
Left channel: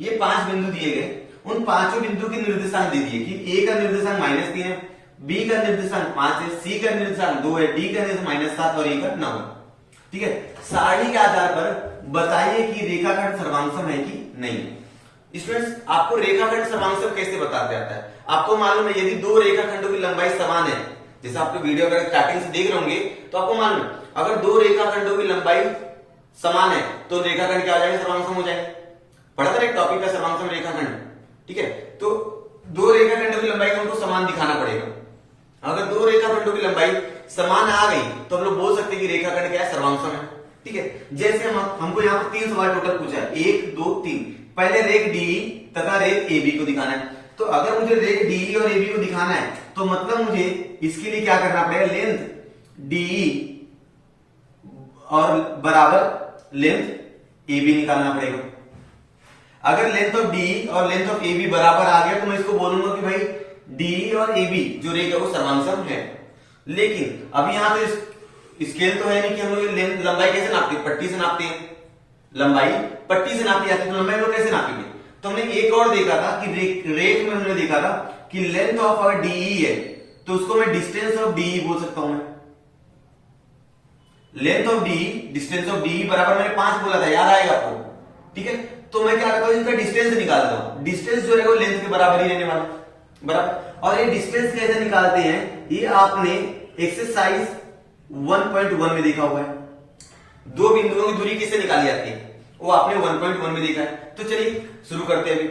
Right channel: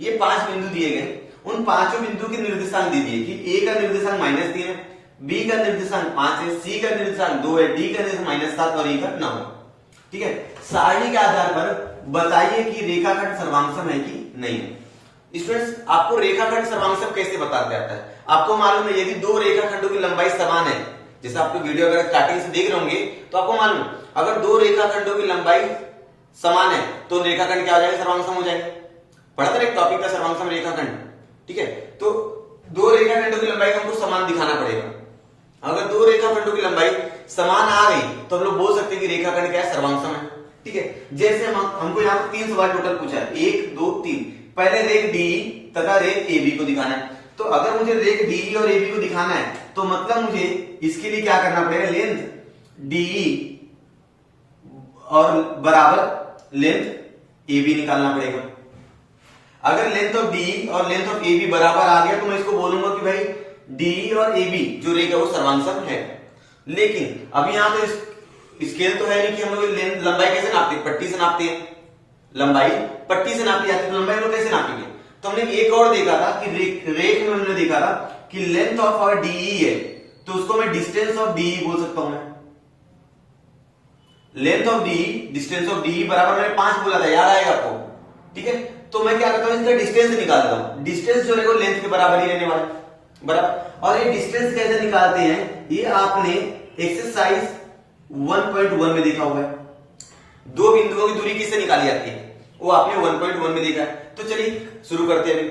ये 5 बिंदु दिए गए, उन 5 बिंदु के निर्देशांक दे दिए कि A का निर्देशांक -3 है, B का निर्देशांक 5 है, C का निर्देशांक 2 है, D का निर्देशांक -7 और E का 9 है, ठीक है। सारणी के आधार पर बताइए कि रेखाखंड सर्वांगसम है कि नहीं है। स्टूडेंट्स, आपको रेखाखंड सर्वांगसम कैसे बताते आता है, आपको मालूम है, यदि दो रेखाखंडों की लंबाई समान है, जैसे आप लोग वीडियो अगर स्टार्टिंग से देख रहे होंगे तो आपको मालूम है, अगर दो रेखाखंडों की लंबाई समान है तो रेखाखंड क्या हो जाएगा, सर्वांगसम हो जाएगा। पढ़ा था एक टॉपिक का सर्वांगसम रेखाखंड, ठीक है। तो दो रेखाखंडों की लंबाई को हमको समान दिखाना पड़ेगा। अगर दो रेखाखंडों की लंबाई समान आ गई तो हम लोग बोल सकते हैं कि रेखाखंड क्या है, सर्वांगसम है। ठीक है, जैसे हमको यहाँ पर 3 सवाल टोटल पूछा है, 1 2 3। पहले रेख डी तथा रेख ए बी को दिखाना है। तो अगर मुझे रेख डी और ए बी को दिखाना है तो मतलब मुझे इसके लिए क्या करना पड़ेगा, लेंथ डी और बराबर लेंथ ए बी निकालना पड़ेगा। अगर लेंथ ऑफ डी और लेंथ ऑफ ए बी बराबर आ गया तो मैं इसको बोलूंगा कि भाई डी और ए बी जो रेखा वो सर्वांगसम है। लेकिन अभी यहां तो स्केल तो है नहीं कि हम लोग लेंथ लंबाई कैसे नापते हैं, पट्टी से नापते हैं। लंबाई पट्टी से नापी जाती है, तो लंबाई लोग कैसे नापेंगे। तो हमने एक और देखा था कि रेख में हमने देखा था कि लेंथ ऑफ अगर डीई है तो उसको मैं डिस्टेंस ऑफ डीई बोल सकता हूं। मैं length of D distance of D बराबर मैंने 5 बोला था, याद आएगा आपको। ठीक है, तो मैं क्या करता हूं, इनका डिस्टेंस निकाल देता हूं। डिस्टेंस जो है लेंथ के बराबर ही रहने वाला है, बराबर। और ये डिस्टेंस कैसे निकालते हैं, ये आपने एक्सरसाइज 1.1 में देखा होगा। दो बिंदुओं की दूरी किससे निकाली जाती है, वो आपने 1.1 में देखा है। तो चलिए शुरू करते हैं।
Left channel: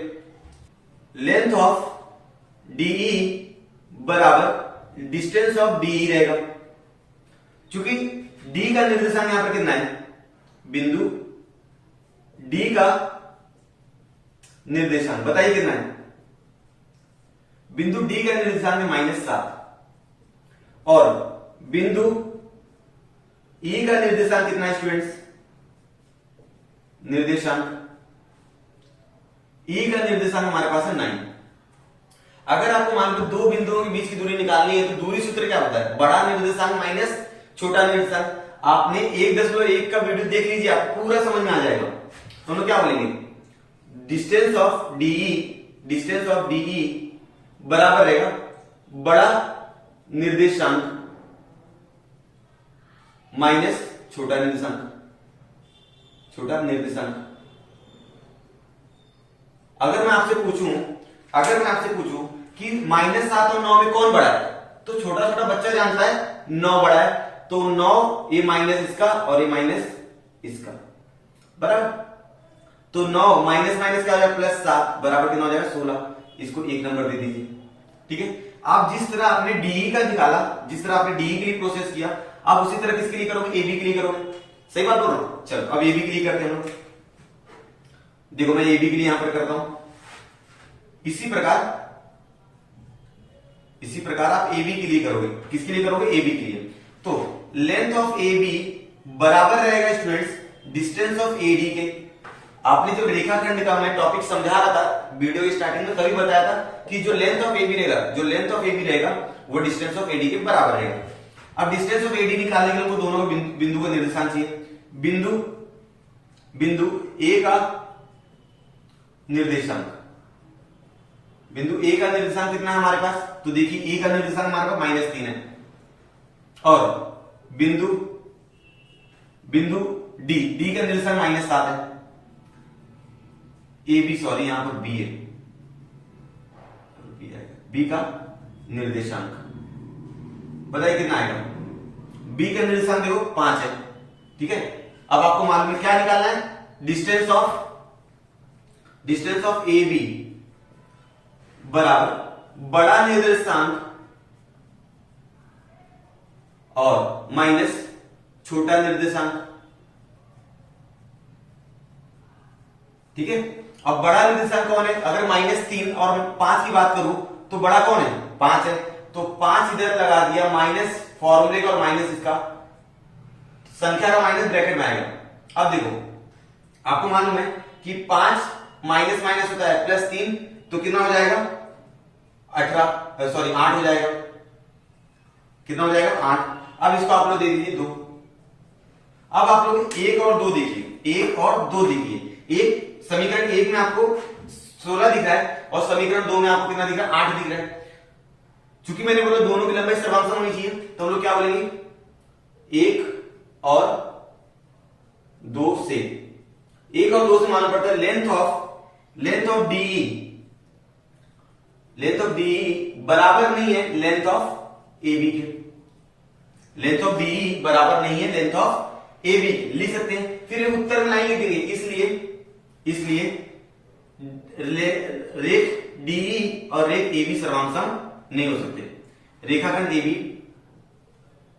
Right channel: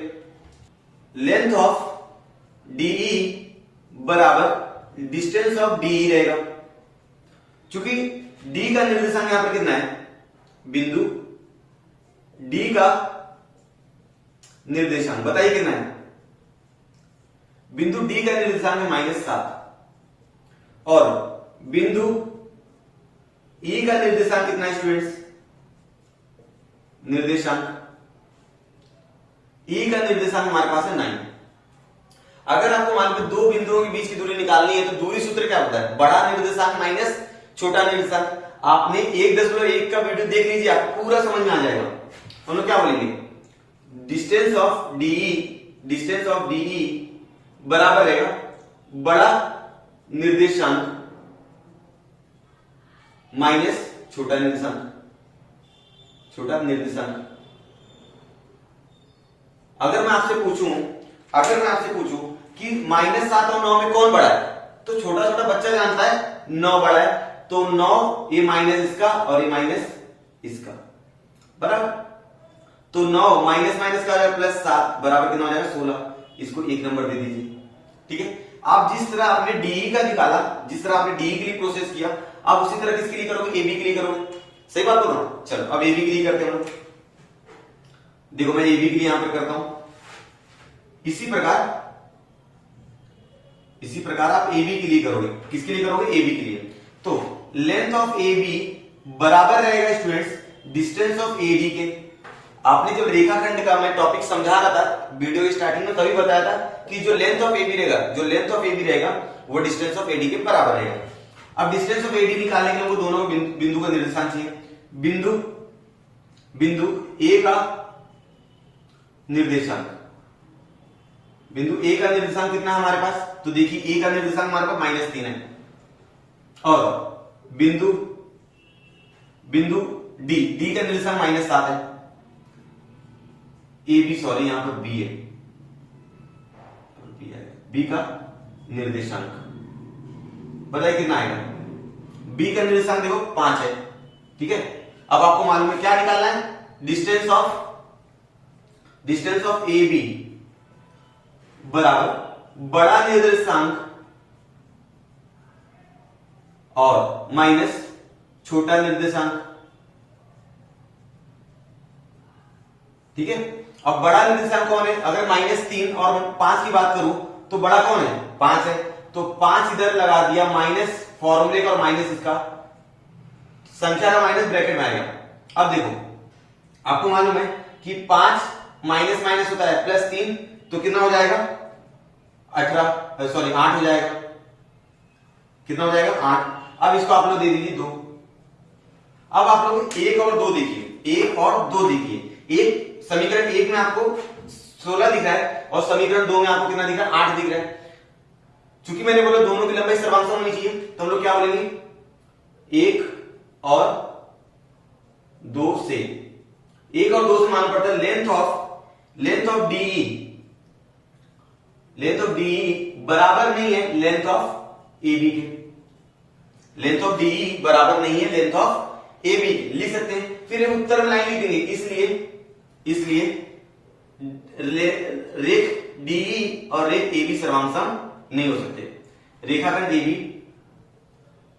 लेंथ ऑफ डीई बराबर डिस्टेंस ऑफ डीई रहेगा। चूंकि डी का निर्देशांक यहां पर कितना है, बिंदु डी का निर्देशांक बताइए कितना है। बिंदु डी का निर्देशांक है -7 और बिंदु ई का निर्देशांक कितना है स्टूडेंट्स, निर्देशांक ई का निर्देशांक हमारे पास है 9। अगर आपको मान लो दो बिंदुओं के बीच की दूरी निकालनी है तो दूरी सूत्र क्या होता है, बड़ा निर्देशांक माइनस छोटा निर्देशांक। आपने 1.1 का वीडियो देख लीजिए, आपको पूरा समझ में आ जाएगा। हम लोग क्या बोलेंगे, डिस्टेंस ऑफ डीई बराबर रहेगा बड़ा निर्देशांक माइनस छोटा निर्देशांक। अगर मैं आपसे पूछूं कि -7 और 9 में कौन बड़ा है, तो छोटा छोटा बच्चा जानता है 9 बड़ा है। तो 9 ये माइनस इसका और ये माइनस इसका, बराबर। तो 9 माइनस माइनस क्या हो जाएगा, +7 बराबर कितना हो जाएगा, 16। इसको 1 नंबर दे दीजिए। ठीक है, आप जिस तरह आपने डीई का निकाला, जिस तरह आपने डीई के लिए प्रोसेस किया, आप उसी तरह किसके लिए करोगे, एबी के लिए करोगे। सही बात बोल रहा हूं। चलो अब एबी के लिए करते हैं हम लोग। देखो मैं एबी के लिए यहां पर करता हूं। इसी प्रकार आप एबी के लिए करोगे। किसके लिए करोगे, एबी के लिए। तो लेंथ ऑफ एबी बराबर रहेगा स्टूडेंट्स डिस्टेंस ऑफ एडी के। आपने जब रेखाखंड का मैं टॉपिक समझा रहा था वीडियो की स्टार्टिंग में, तभी बताया था कि जो लेंथ ऑफ एबी रहेगा वो डिस्टेंस ऑफ एडी के बराबर रहेगा। अब डिस्टेंस ऑफ एडी निकालने के लिए हमको दोनों बिंदु का निर्देशांक चाहिए। बिंदु ए का निर्देशांक, बिंदु ए का निर्देशांक कितना है हमारे पास, तो देखिए ए का निर्देशांक हमारे पास -3 है। और बिंदु डी का निर्देशांक -7 है। ए बी सॉरी यहां पर बी है, बी का निर्देशांक बताइए कितना आएगा। बी का निर्देशांक देखो 5 है। ठीक है, अब आपको मालूम है क्या निकालना है, डिस्टेंस ऑफ ए बी बराबर बड़ा निर्देशांक और माइनस छोटा निर्देशांक। ठीक है, अब बड़ा निर्देशांक कौन है, अगर -3 और 5 की बात करूं तो बड़ा कौन है, 5 है। तो 5 इधर लगा दिया, माइनस फॉर्मूले का और माइनस इसका, संख्या का माइनस ब्रैकेट में आएगा। अब देखो आपको मालूम है कि 5 माइनस माइनस होता है +3, तो कितना हो जाएगा 8 हो जाएगा। कितना हो जाएगा 8। अब इसको आप लोग दे दीजिए 2। अब आप लोग 1 और 2 देखिए। एक समीकरण 1 में आपको 16 दिख रहा है और समीकरण 2 में आपको कितना दिख रहा है, 8 दिख रहा है। चूंकि मैंने बोला दोनों की लंबाई सर्वांगसम होनी चाहिए, तो हम लोग क्या बोलेंगे, 1 और 2 से। 1 और 2 से मालूम पड़ता है लेंथ ऑफ डीई बराबर नहीं है लेंथ ऑफ एबी के। लेंथ ऑफ डीई बराबर नहीं है लेंथ ऑफ एबी के, लिख सकते हैं। फिर उत्तर में लाइन लिखेंगे, इसलिए रेख डीई और रेख ए बी सर्वांग नहीं हो सकते। रेखाखंड ए बी,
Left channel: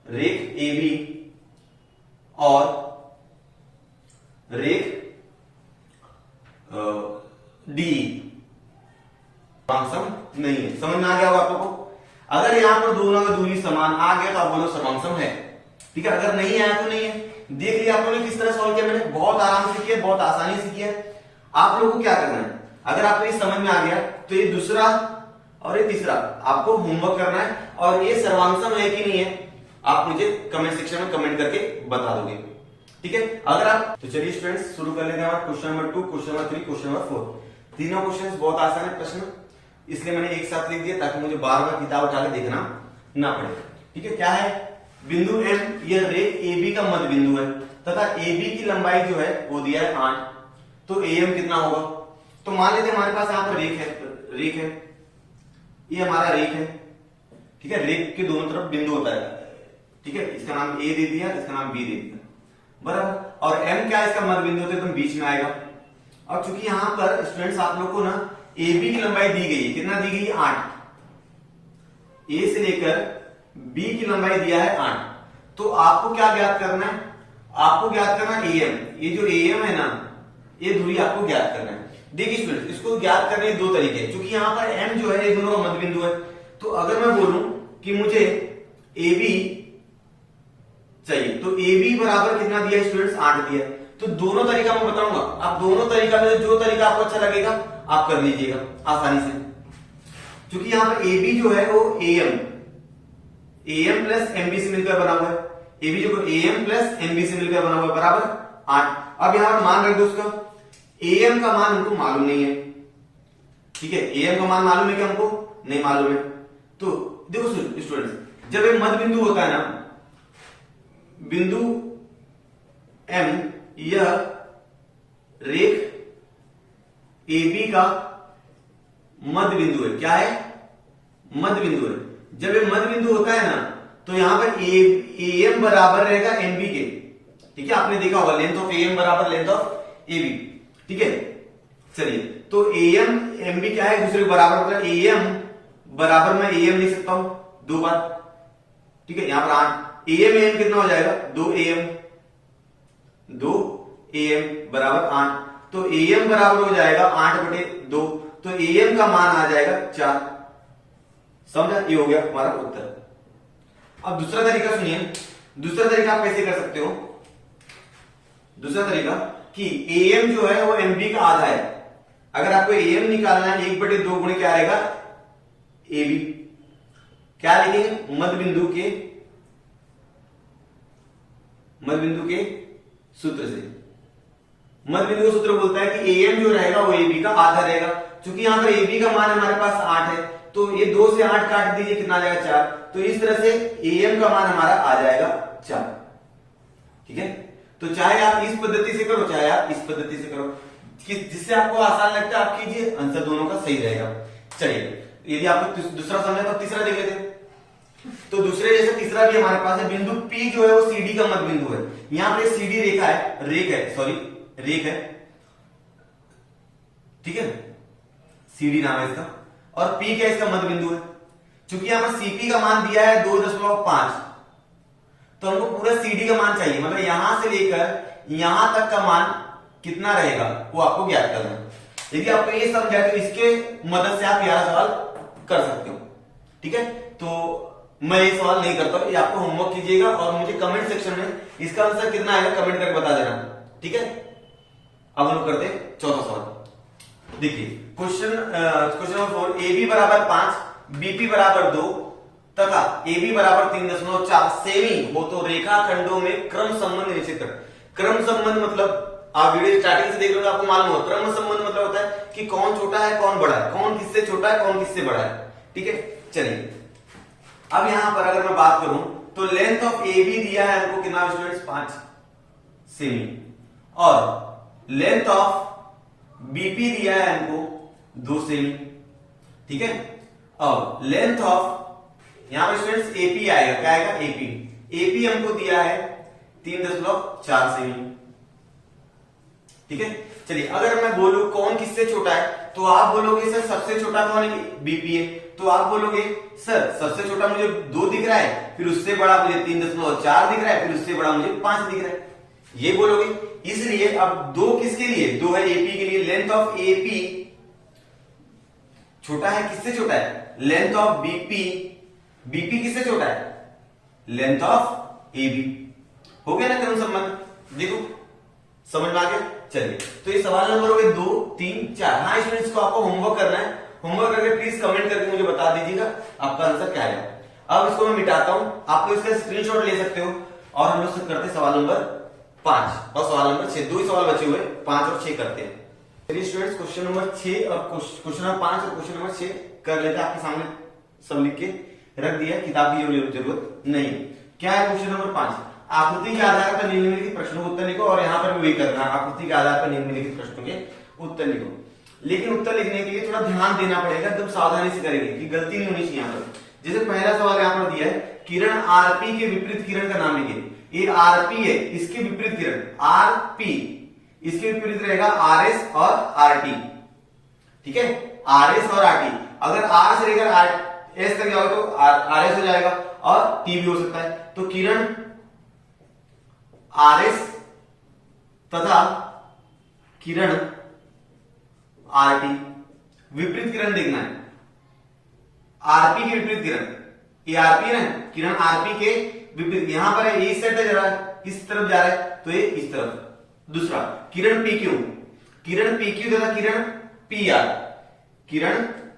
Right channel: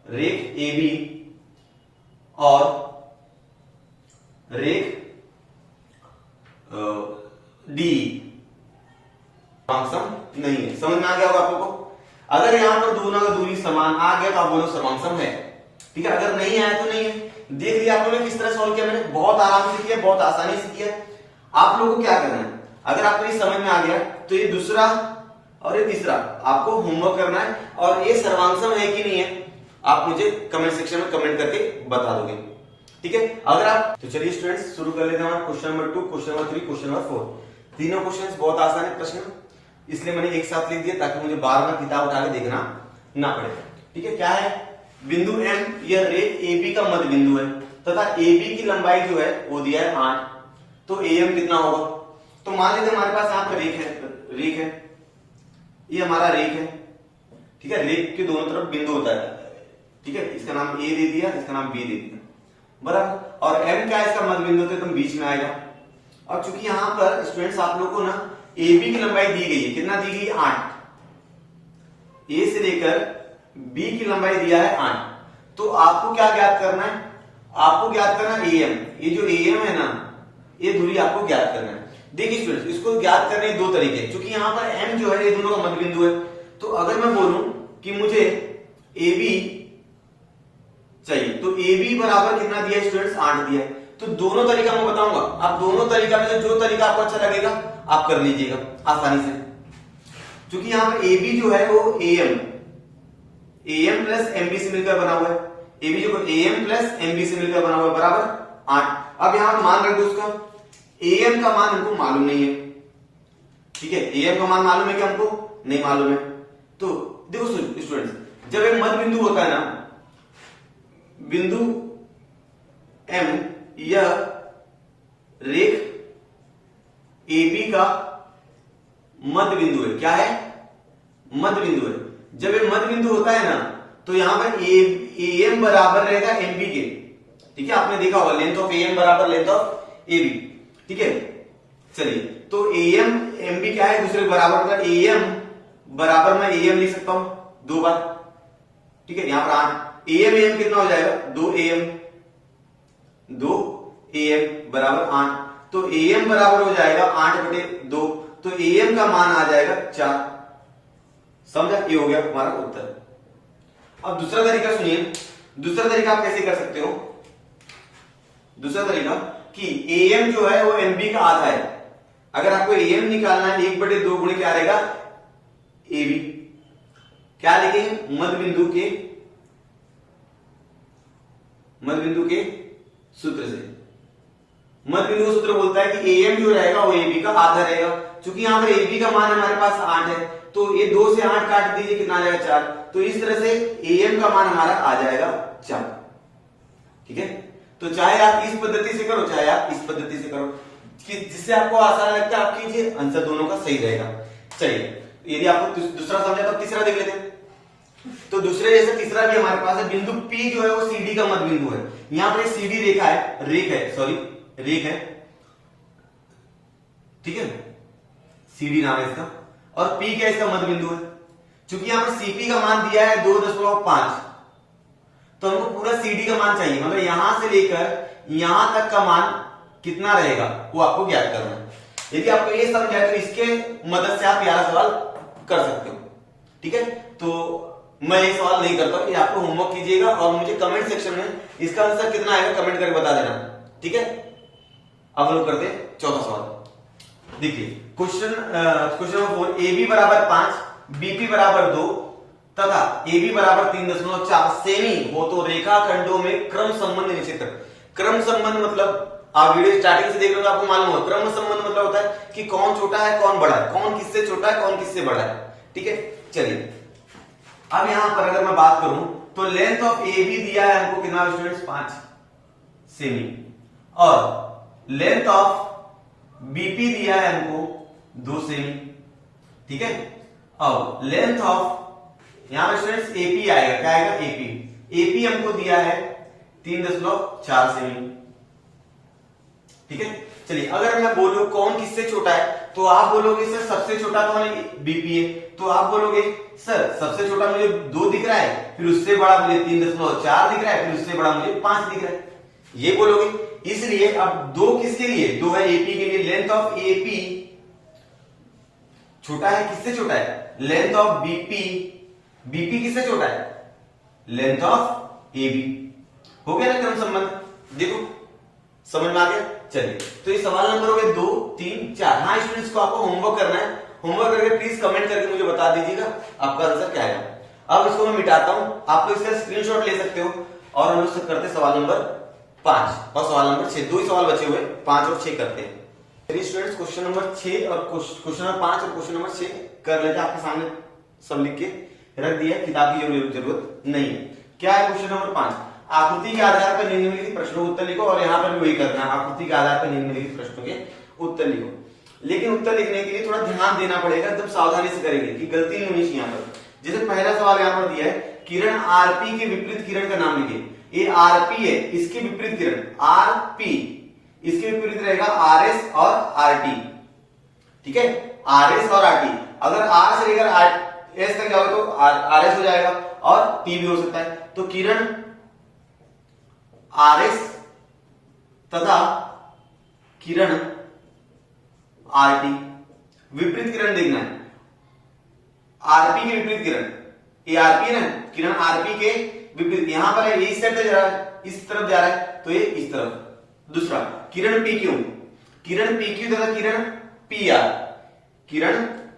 रेख ए बी और रेख डी सर्वांग नहीं है। समझ में आ गया होगा आप लोगों को। अगर यहां पर दोनों का दूरी समान आ गया तो आप बोलो सर्वांग है, ठीक है। अगर नहीं आया तो नहीं है। देख लिया आप लोगों ने किस तरह सॉल्व किया, मैंने बहुत आराम से किया, बहुत आसानी से किया। आप लोगों को क्या करना है, अगर आपको ये समझ में आ गया तो ये दूसरा और ये तीसरा आपको होमवर्क करना है, और ये सर्वांग है कि नहीं है आप मुझे कमेंट सेक्शन में कमेंट करके बता दोगे, ठीक है। अगर आप तो चलिए स्टूडेंट्स शुरू कर लेते हैं question number 2, question number 3, question number 4। तीनों क्वेश्चन बहुत आसान है प्रश्न, इसलिए मैंने एक साथ लिख दिया ताकि मुझे बार बार किताब उठा के देखना ना पड़े, ठीक है। क्या है, बिंदु M यह रेख AB का मध्य बिंदु है तथा AB की लंबाई जो है वो दिया है 8, तो AM कितना होगा। तो मान लीजिए हमारे पास यहाँ पर रेख है, ये हमारा रेख है, ठीक है। रेख के दोनों तरफ बिंदु होता है, ठीक है। इसका नाम A दे दिया, इसका नाम B दे दिया, बराबर। और M क्या है, इसका मध्य बिंदु तो एकदम बीच में आएगा। और चूंकि यहां पर स्टूडेंट्स आप लोग को ना AB की लंबाई दी गई है, कितना दी गई है 8, A से लेकर B की लंबाई दिया है 8, तो आपको क्या ज्ञात करना है, आपको ज्ञात करना है AM। ये जो AM है ना, ये दूरी आपको ज्ञात करना है। देखिए स्टूडेंट्स, इसको ज्ञात करने के दो तरीके हैं, क्योंकि यहाँ पर M जो है ये दोनों का मध्य बिंदु है। तो अगर मैं बोलूं कि मुझे AB चाहिए तो AB बराबर कितना दिया स्टूडेंट्स, 8 दिया है। तो दोनों तरीका मैं बताऊंगा, आप दोनों तरीका में से जो तरीका आपको अच्छा लगेगा आप कर लीजिएगा आसानी से। क्योंकि यहाँ पर AB जो है वो AM प्लस MB से मिलकर बना हुआ है, AB जो AM प्लस MB से मिलकर बना हुआ है, बराबर 8। अब यहां पर मान रख दो उसका, AM का मान हमको मालूम नहीं है, ठीक है। AM का मान मालूम है कि हमको नहीं मालूम है। तो देखो स्टूडेंट्स, जब एक मध्य बिंदु होता है ना, बिंदु M यह रेख AB का मध्य बिंदु है। क्या है, मध्य बिंदु है। जब ये मध्य बिंदु होता है ना तो यहां पर AM बराबर रहेगा MB के, ठीक है। आपने देखा होगा लेंथ ऑफ AM बराबर लेंथ ऑफ AB, ठीक है। चलिए, तो AM MB क्या है, दूसरे बराबर, मतलब AM बराबर मैं AM लिख सकता हूं 2 बार, ठीक है। यहां पर 8 AM कितना हो जाएगा, 2AM बराबर 8, तो AM बराबर हो जाएगा 8/2, तो AM का मान आ जाएगा 4। समझा, ये हो गया हमारा उत्तर। अब दूसरा तरीका सुनिए, दूसरा तरीका आप कैसे कर सकते हो। दूसरा तरीका कि AM जो है वो MB का आधा है। अगर आपको AM निकालना है 1/2 गुणे क्या रहेगा, AB। क्या लिखेंगे, मध्य बिंदु के सूत्र से। मध्य बिंदु का सूत्र बोलता है कि AM जो रहेगा वो AB का आधा रहेगा। क्योंकि यहां पर AB का मान हमारे पास 8 है, तो ये 2 से 8 काट दीजिए, कितना आ जाएगा 4। तो इस तरह से AM का मान हमारा आ जाएगा 4, ठीक है। तो चाहे आप इस पद्धति से करो, चाहे आप इस पद्धति से करो, जिससे आपको आसान लगता है आप कीजिए, आंसर दोनों का सही रहेगा। चलिए, यदि आपको दूसरा समझा तो तीसरा देख लेते हैं। तो दूसरे जैसा तीसरा भी हमारे पास है, बिंदु P जो है वो CD का मध्य बिंदु है। यहां पर CD रेख है, ठीक है। CD नाम है इसका, और P क्या इसका मध्य बिंदु है। चूंकि यहां पर CP का मान दिया है 2.5, तो हमको पूरा CD का मान चाहिए, मतलब यहां से लेकर यहां तक का मान कितना रहेगा वो आपको ज्ञात करना है। यदि आपको ये समझ आया तो इसके मदद से आप यह सवाल कर सकते हो, ठीक है। तो मैं ये सवाल नहीं करता, ये आपको होमवर्क कीजिएगा और मुझे कमेंट सेक्शन में इसका आंसर कितना आएगा कमेंट करके बता देना, ठीक है। अब हम लोग करते हैं चौथा सवाल। देखिए क्वेश्चन नंबर 4, AB बराबर 5, BP बराबर 2 तथा AB बराबर 3.4 सेमी हो तो रेखा खंडों में क्रम संबंध निश्चित कर। क्रम संबंध मतलब आप वीडियो स्टार्टिंग से देख रहे हो आपको मालूम होगा, क्रम संबंध मतलब होता है कि कौन छोटा है कौन बड़ा है, कौन किससे छोटा है कौन किससे बड़ा है, ठीक है। चलिए, अब यहां पर अगर मैं बात करूं तो लेंथ ऑफ AB दिया है हमको कितना स्टूडेंट्स, 5 सेमी, और लेंथ ऑफ BP दिया है हमको 2 सेमी, ठीक है। अब लेंथ ऑफ यहां पर स्टूडेंट्स AP आएगा, क्या आएगा AP हमको दिया है 3.4 सेमी, ठीक है। चलिए अगर मैं बोलूं कौन किससे छोटा है, तो आप बोलोगे सर सबसे छोटा कौन है, बीपी है। तो आप बोलोगे सर सबसे छोटा मुझे 2 दिख रहा है, फिर उससे बड़ा मुझे 3.4 दिख रहा है, फिर उससे बड़ा मुझे 5 दिख रहा है, ये बोलोगे। इसलिए अब 2 किसके लिए, 2 है एपी के लिए, लेंथ ऑफ एपी छोटा है, किससे छोटा है, लेंथ ऑफ बीपी, बीपी किससे छोटा है, लेंथ ऑफ एबी। हो गया ना क्रम संबंध, देखो समझ में आ गया। चलिए तो ये सवाल नंबर हो गए 2, 3, 4। हाँ स्टूडेंट्स को आपको होमवर्क करना है, होमवर्क करके प्लीज कमेंट करके मुझे बता दीजिएगा आपका आंसर क्या है। अब इसको मैं मिटाता हूं, आप लोग इसका स्क्रीनशॉट ले सकते हो और हम लोग करते हैं सवाल नंबर 5 और सवाल नंबर 6। 2 ही सवाल बचे हुए, 5 और 6 करते हैं। चलिए स्टूडेंट्स क्वेश्चन नंबर 6 और क्वेश्चन नंबर 5 और क्वेश्चन नंबर 6 कर लेते हैं। आपके सामने सब लिख के रख दिया, किताब की जरूरत नहीं है। क्या है क्वेश्चन नंबर 5, आकृति के आधार पर निम्नलिखित प्रश्नों के उत्तर लिखो। और यहाँ पर भी वही करना है, आकृति के आधार पर निम्नलिखित प्रश्नों के उत्तर लिखो। लेकिन उत्तर लिखने के लिए थोड़ा ध्यान देना पड़ेगा, एकदम सावधानी से करेंगे कि गलती नहीं होनी चाहिए यहाँ पर। जैसे पहला सवाल यहाँ पर दिया है, किरण आरपी के विपरीत किरण का नाम लिखिए। ये आरपी है, इसके विपरीत किरण आरपी, इसके विपरीत रहेगा आरएस और आरटी। ठीक है, आरएस और आरटी। अगर आर से लेकर एस तक जाओगे तो आरएस हो जाएगा और टी भी हो सकता है। तो किरण आरएस तथा किरण आरटी, विपरीत किरण देखना है, आरपी के विपरीत किरण, ये आरपी है ना, किरण आरपी के विपरीत, यहां पर है ये इस साइड जा रहा है, इस तरफ जा रहा है तो ये इस तरफ। दूसरा किरण पीक्यू, किरण पीक्यू तथा किरण पीआर, किरण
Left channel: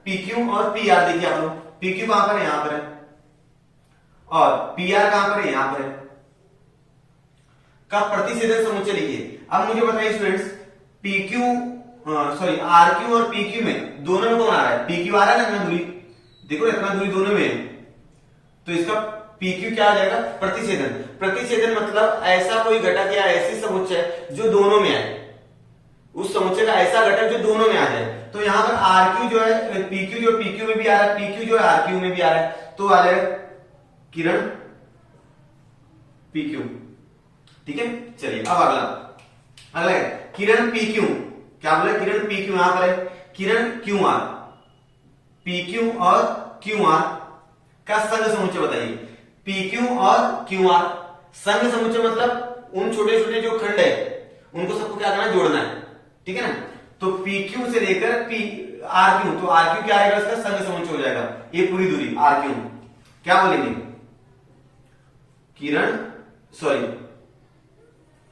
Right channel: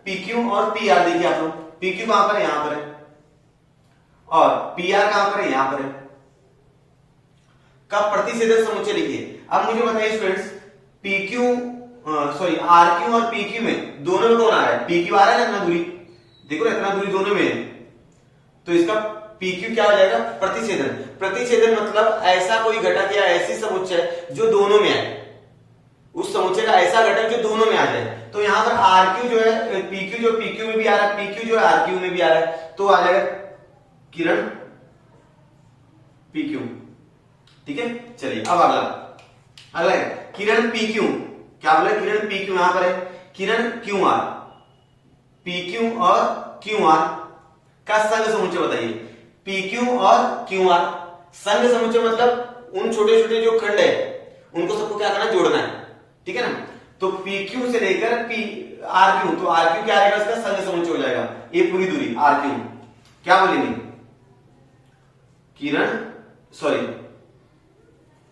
पीक्यू और पीआर देखिए आप लोग, पीक्यू कहां पर है, यहां पर है, और पीआर कहां पर है, यहां पर है, का प्रतिच्छेदक समुच्चय लिखिए। अब मुझे बताइए स्टूडेंट्स, पीक्यू सॉरी आरक्यू और पीक्यू में दोनों में कौन आ रहा है, पीक्यू आ रहा है ना, इतना दूरी देखो, इतना दूरी दोनों में है, तो इसका पीक्यू क्या आ जाएगा, प्रतिच्छेदन। प्रतिच्छेदन मतलब ऐसा कोई घटक या ऐसी समुच्चय जो दोनों में आए, उस समुच्चय का ऐसा घटक जो दोनों में आ जाए। तो यहां पर आरक्यू जो है, पीक्यू जो पीक्यू में भी आ रहा है, पीक्यू जो है आरक्यू में भी आ रहा है, तो आ जाएगा किरण पीक्यू। ठीक है, चलिए अब अगला है किरण पीक्यू, क्या बोला, किरण पीक्यू, यहां पर है किरण क्यू आर, पीक्यू और क्यू आर का संघ समुच्चय बताइए। पीक्यू और क्यू आर संघ समुच्चय मतलब उन छोटे छोटे जो खंड है उनको सबको क्या करना है, जोड़ना है। ठीक है ना, तो पीक्यू से लेकर पी आरक्यू, तो आरक्यू क्या आएगा, इसका संघ समुच्चय हो जाएगा, ये पूरी दूरी आरक्यू। क्या बोलेंगे, किरण सॉरी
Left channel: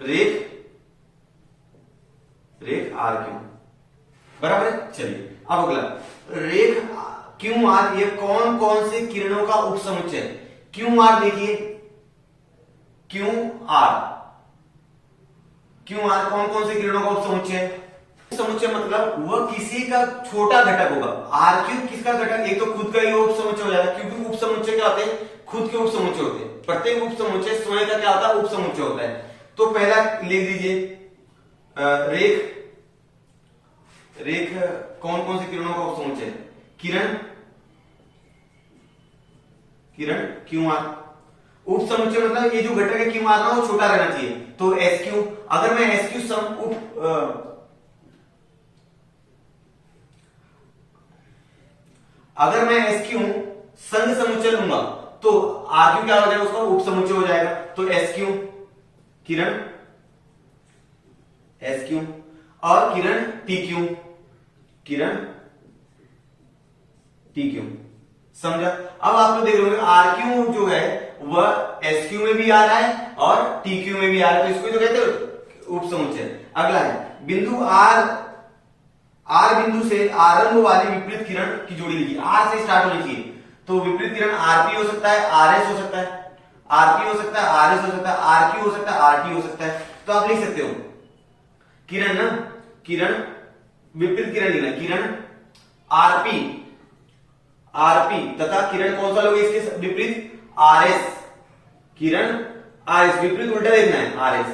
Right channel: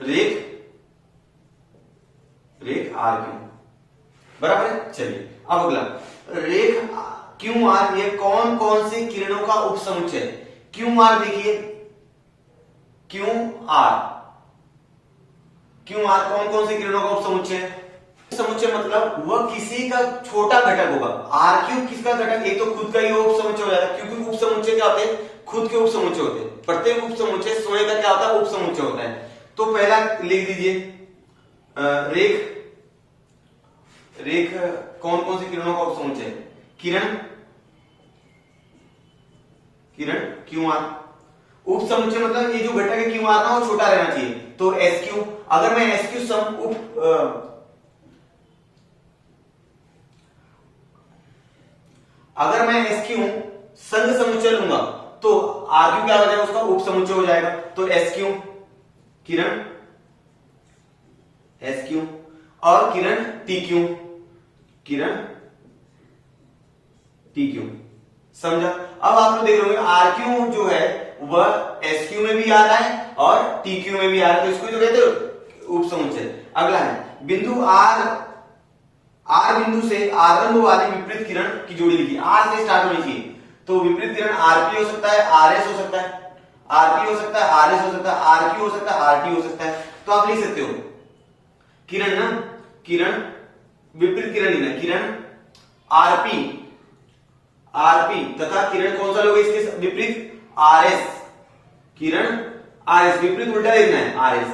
रेख आरक्यू, बराबर है। चलिए अब अगला, रेख क्यू आर, ये कौन कौन सी किरणों का उपसमुच्चय है। क्यू आर देखिए, क्यू आर कौन कौन सी किरणों का उपसमुच्चय है। समुच्चय मतलब वह किसी का छोटा घटक होगा। आरक्यू किसका घटक, एक तो खुद का ही उपसमुच्चय हो जाएगा, क्योंकि उपसमुच्चय क्या होते हैं, खुद के उपसमुच्चय होते हैं। प्रत्येक उपसमुच्चय स्वयं का क्या होता है, उपसमुच्चय होता है। तो पहला लिख दीजिए, रेख कौन कौन सी किरणों का उपसमुच्चय है, किरण क्यू आर। उपसमुच्चय मतलब ये जो घटक है क्यू आर ना, वो छोटा रहना चाहिए, तो एस क्यू। अगर मैं एस क्यू अगर मैं एस क्यू संघ समुच्चय लूंगा तो आर क्यू क्या हो जाएगा, उसका उपसमुच्चय हो जाएगा, तो एस क्यू किरण एस क्यू, और किरण पी क्यू, समझा। अब आप तो देख रहे हो आर क्यू जो है वह एस क्यू में भी आ रहा है और टी क्यू में भी आ रहा है, तो इसको तो कहते हो उपसमुच्चय। अगला है बिंदु आर बिंदु से आरंभ वाली विपरीत किरण की जोड़ी लिखिए। आर से स्टार्ट होनी चाहिए, तो विपरीत किरण आरपी हो सकता है, आरएस हो सकता है, आरपी हो सकता है, आरएस हो सकता है, आरक्यू हो सकता है, आरटी हो सकता है। तो आप लिख सकते हो किरण ना, किरण विपरीत किरण लिखना, किरण आरपी तथा किरण कौन सा लोगे इसके विपरीत, आरएस, किरण आरएस, विपरीत उल्टा लिखना है, आरएस,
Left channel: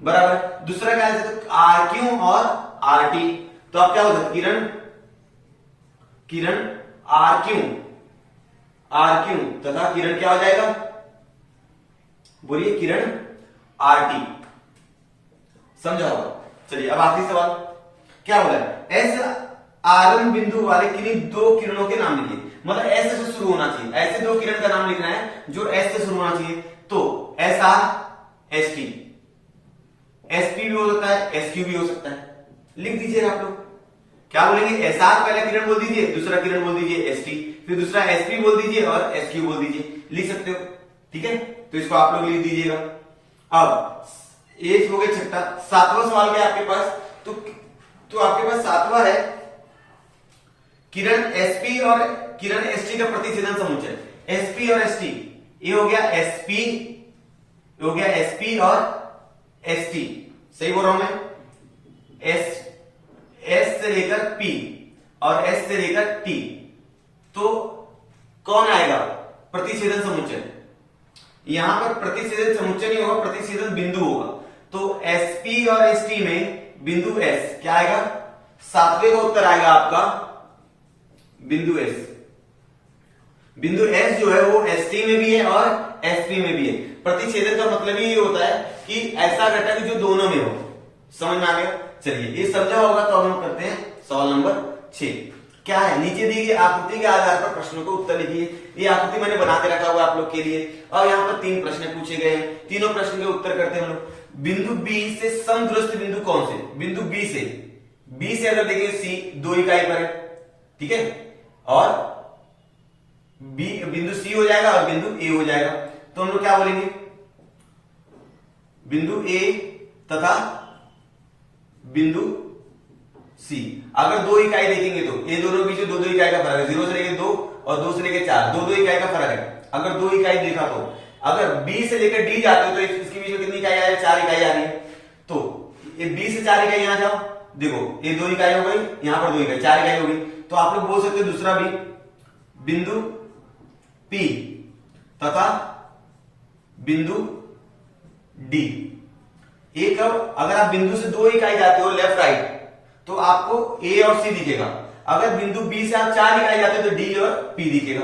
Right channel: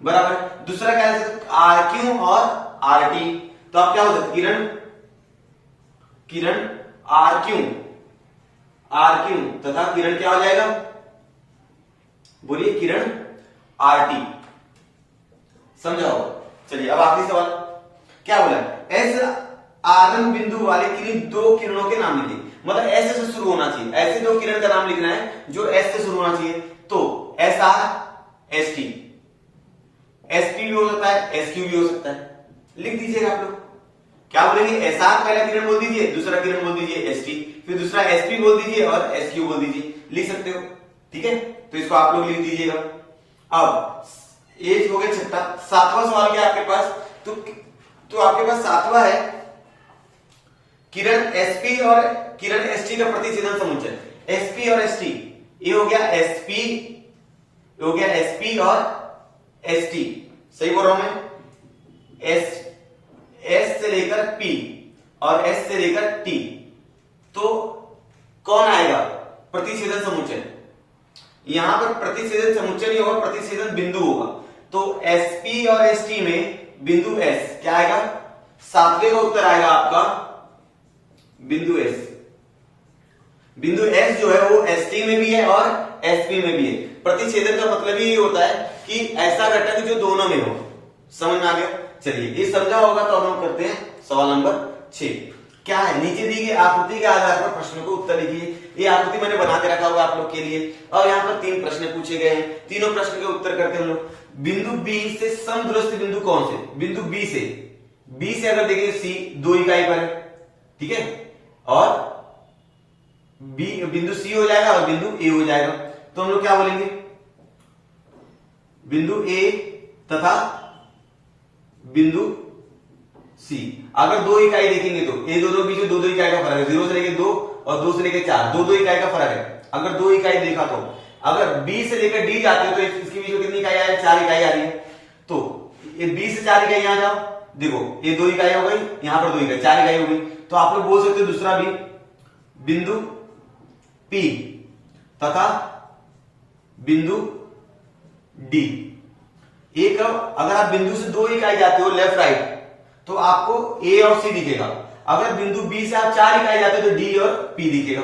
बराबर। दूसरा क्या है, आरक्यू और आरटी, तो आप क्या हो सकता है, किरण आरक्यू तथा किरण क्या हो जाएगा, बोलिए किरण आरटी, समझा हो। चलिए अब आखिरी सवाल क्या बोला है, एस आरंभ बिंदु वाले किन्हीं दो किरणों के नाम लिखिए। मतलब एस से शुरू होना चाहिए, ऐसे दो किरण का नाम लिखना है जो एस से शुरू होना चाहिए। तो S R S T, S P भी हो सकता है, एस क्यू भी हो सकता है। लिख दीजिए आप लोग, क्या बोलेंगे, एस आर पहला किरण बोल दीजिए, दूसरा किरण बोल दीजिए एस टी, फिर दूसरा एस पी बोल दीजिए और एस क्यू बोल दीजिए। लिख सकते हो, ठीक है। तो इसको आप लोग लिख दीजिएगा। अब एक हो गया छठा, सातवां सवाल क्या है आपके पास, तो आपके पास सातवां है किरण एसपी और किरण एसटी का प्रतिच्छेदन समुच्चय। एसपी और एसटी, ये हो गया एसपी, हो गया एसपी और एसटी, सही बोल रहा हूं मैं। एस से लेकर पी और एस से लेकर टी, तो कौन आएगा प्रतिच्छेदन समुच्चय। यहां पर प्रतिच्छेदन समुच्चय नहीं होगा, प्रतिच्छेदन बिंदु होगा। तो एसपी और एसटी में बिंदु एस क्या आएगा, सातवें का उत्तर आएगा आपका बिंदु एस। बिंदु एस जो है वो एसटी में भी है और एसपी में भी है। प्रतिच्छेदन का मतलब ही ये होता है कि ऐसा घटक जो दोनों में हो। समझ में आ गया। चलिए ये समझा होगा तो हम करते हैं सवाल नंबर 6। क्या है, नीचे दी गई आकृति के आधार पर प्रश्नों को उत्तर लिखिए। ये आकृति मैंने बना के रखा हुआ है आप लोग के लिए और यहाँ पर 3 प्रश्न पूछे गए हैं, तीनों प्रश्न के उत्तर करते हैं हम लोग। बिंदु बी से समदूरस्थ बिंदु कौन से, बिंदु बी से अगर देखें सी 2 इकाई पर है, ठीक है, और बी बिंदु सी हो जाएगा और बिंदु ए हो जाएगा। तो हम लोग क्या बोलेंगे, बिंदु ए तथा बिंदु सी अगर 2 इकाई देखेंगे तो ये दोनों के बीच में 2-2 इकाई का फर्क है, 0 से लेकर 2 और 2 से लेकर 4, 2-2 इकाई का फर्क है। अगर 2 इकाई देखा तो अगर बी से लेकर डी जाते हो तो इसके बीच में कितनी इकाई आ रही है, 4 इकाई आ रही है। तो ये बी से 4 इकाई यहां जाओ, देखो ये 2 इकाई हो गई, यहां पर 2 इकाई, 4 इकाई हो गई। तो आप लोग बोल सकते हो दूसरा भी बिंदु पी तथा बिंदु डी। एक अगर आप बिंदु से 2 इकाई जाते हो लेफ्ट राइट तो आपको ए और सी दिखेगा। अगर बिंदु बी से आप 4 इकाई जाते हो तो डी और पी दिखेगा,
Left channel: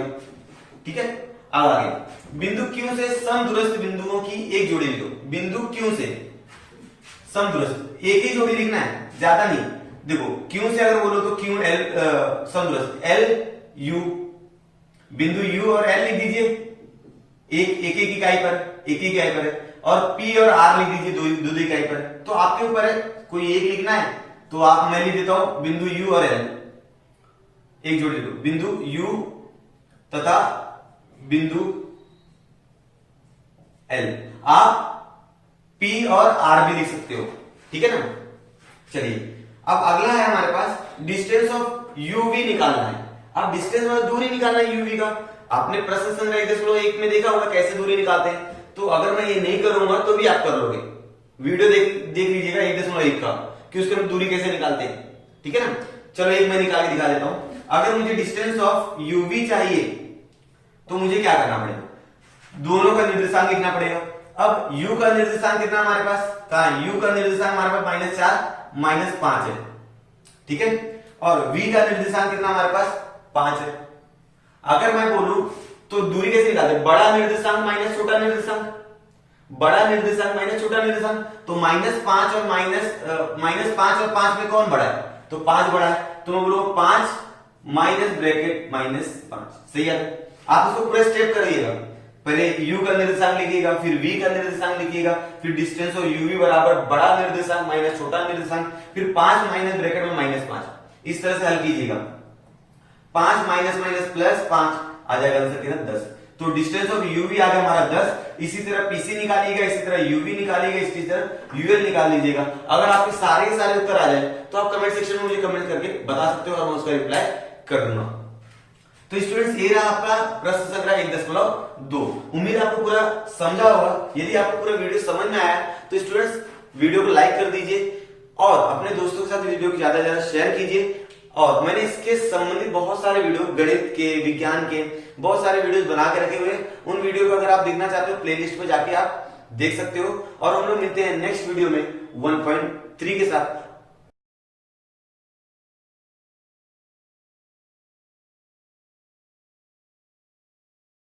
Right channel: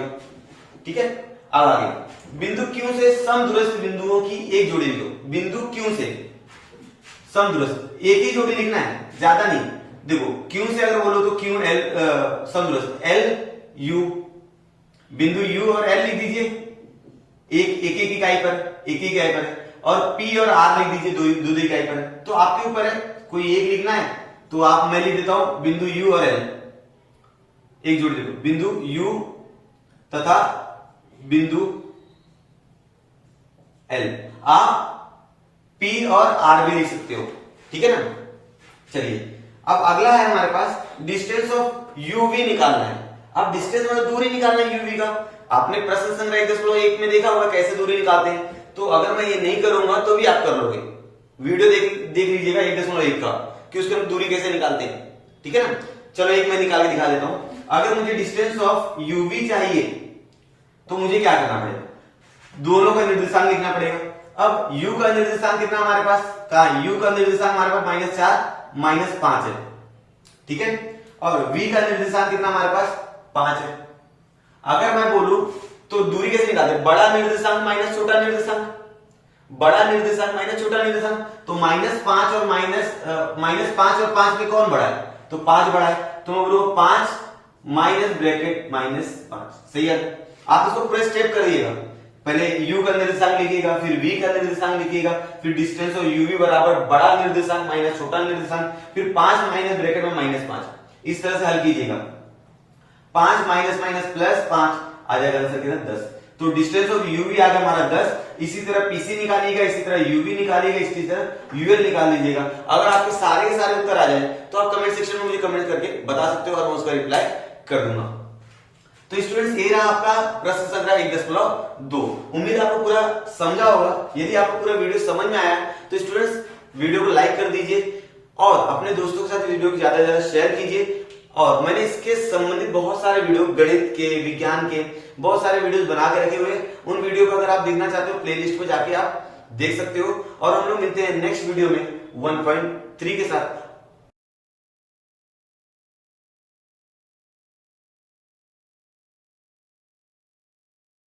ठीक है। अब आगे बिंदु क्यू से समदूरस्थ बिंदुओं की एक जोड़ी लिखो। बिंदु क्यू से समदूरस्थ एक ही जोड़ी लिखना है, ज्यादा नहीं। देखो क्यू से अगर बोलो तो क्यू एल समदूरस्थ एल यू, बिंदु यू और एल लिख दीजिए एक इकाई पर, एक इकाई पर है, और पी और आर लिख दीजिए 2 इकाई पर। तो आपके ऊपर है, कोई एक लिखना है तो आप मैं लिख देता हूं बिंदु यू और एल, एक जोड़ी लिखो, बिंदु यू तथा बिंदु एल। आप पी और आर भी लिख सकते हो, ठीक है ना। चलिए अब अगला है हमारे पास डिस्टेंस ऑफ यूवी निकालना है। अब डिस्टेंस मतलब दूरी निकालना है यूवी का। आपने प्रश्न संग्रह 1.1 में देखा होगा कैसे दूरी निकालते हैं। तो अगर मैं ये नहीं करूंगा तो भी आप कर लोगे, वीडियो देख लीजिएगा 1.1 का कि उसके हम दूरी कैसे निकालते हैं, ठीक है ना। चलो एक मैं निकाल के दिखा देता हूं। अगर मुझे डिस्टेंस ऑफ यूवी चाहिए तो मुझे क्या करना पड़ेगा, दोनों का निर्देशांक लिखना पड़ेगा। अब u का निर्देशांक कितना हमारे पास, कहा u का निर्देशांक हमारे पास -4 -5 है, ठीक है। और v का निर्देशांक कितना हमारे पास 5 है। अगर मैं बोलूं तो दूरी कैसे निकालते हैं, बड़ा निर्देशांक माइनस छोटा निर्देशांक, बड़ा निर्देशांक माइनस छोटा निर्देशांक। तो -5 और 5 में कौन बड़ा है, तो 5 बड़ा है। तो मैं बोलूं 5 माइनस ब्रैकेट -5, सही है। आप इसको पूरे स्टेप करिएगा, पहले u का निर्देशांक लिखिएगा, फिर v का निर्देशांक लिखिएगा, फिर डिस्टेंस ऑफ uv बराबर बड़ा निर्देशांक माइनस छोटा निर्देशांक, फिर 5 माइनस ब्रैकेट में -5, इस तरह से हल कीजिएगा। 5 माइनस माइनस प्लस 5 आ जाएगा आंसर कितना 10। तो डिस्टेंस ऑफ यूवी आ गया हमारा 10। इसी तरह पीसी निकालिएगा, इसी तरह यूवी निकालिएगा, इसी तरह यूएल निकाल लीजिएगा। अगर आपके सारे के सारे उत्तर आ जाए तो आप कमेंट सेक्शन में मुझे कमेंट करके बता सकते हो और मैं उसका रिप्लाई कर दूंगा। तो स्टूडेंट्स ये रहा आपका प्रश्न संग्रह 1.2। उम्मीद है आपको पूरा समझा होगा। यदि आपको पूरा वीडियो समझ में आया तो स्टूडेंट्स वीडियो को लाइक कर दीजिए और अपने दोस्तों के साथ वीडियो को ज्यादा से ज्यादा शेयर कीजिए। और मैंने इसके संबंधित बहुत सारे वीडियो, गणित के, विज्ञान के बहुत सारे वीडियोस बना के रखे हुए हैं। उन वीडियो को अगर आप देखना चाहते हो प्लेलिस्ट पे जाके आप देख सकते हो। और हम लोग मिलते हैं नेक्स्ट वीडियो में 1.3 के साथ।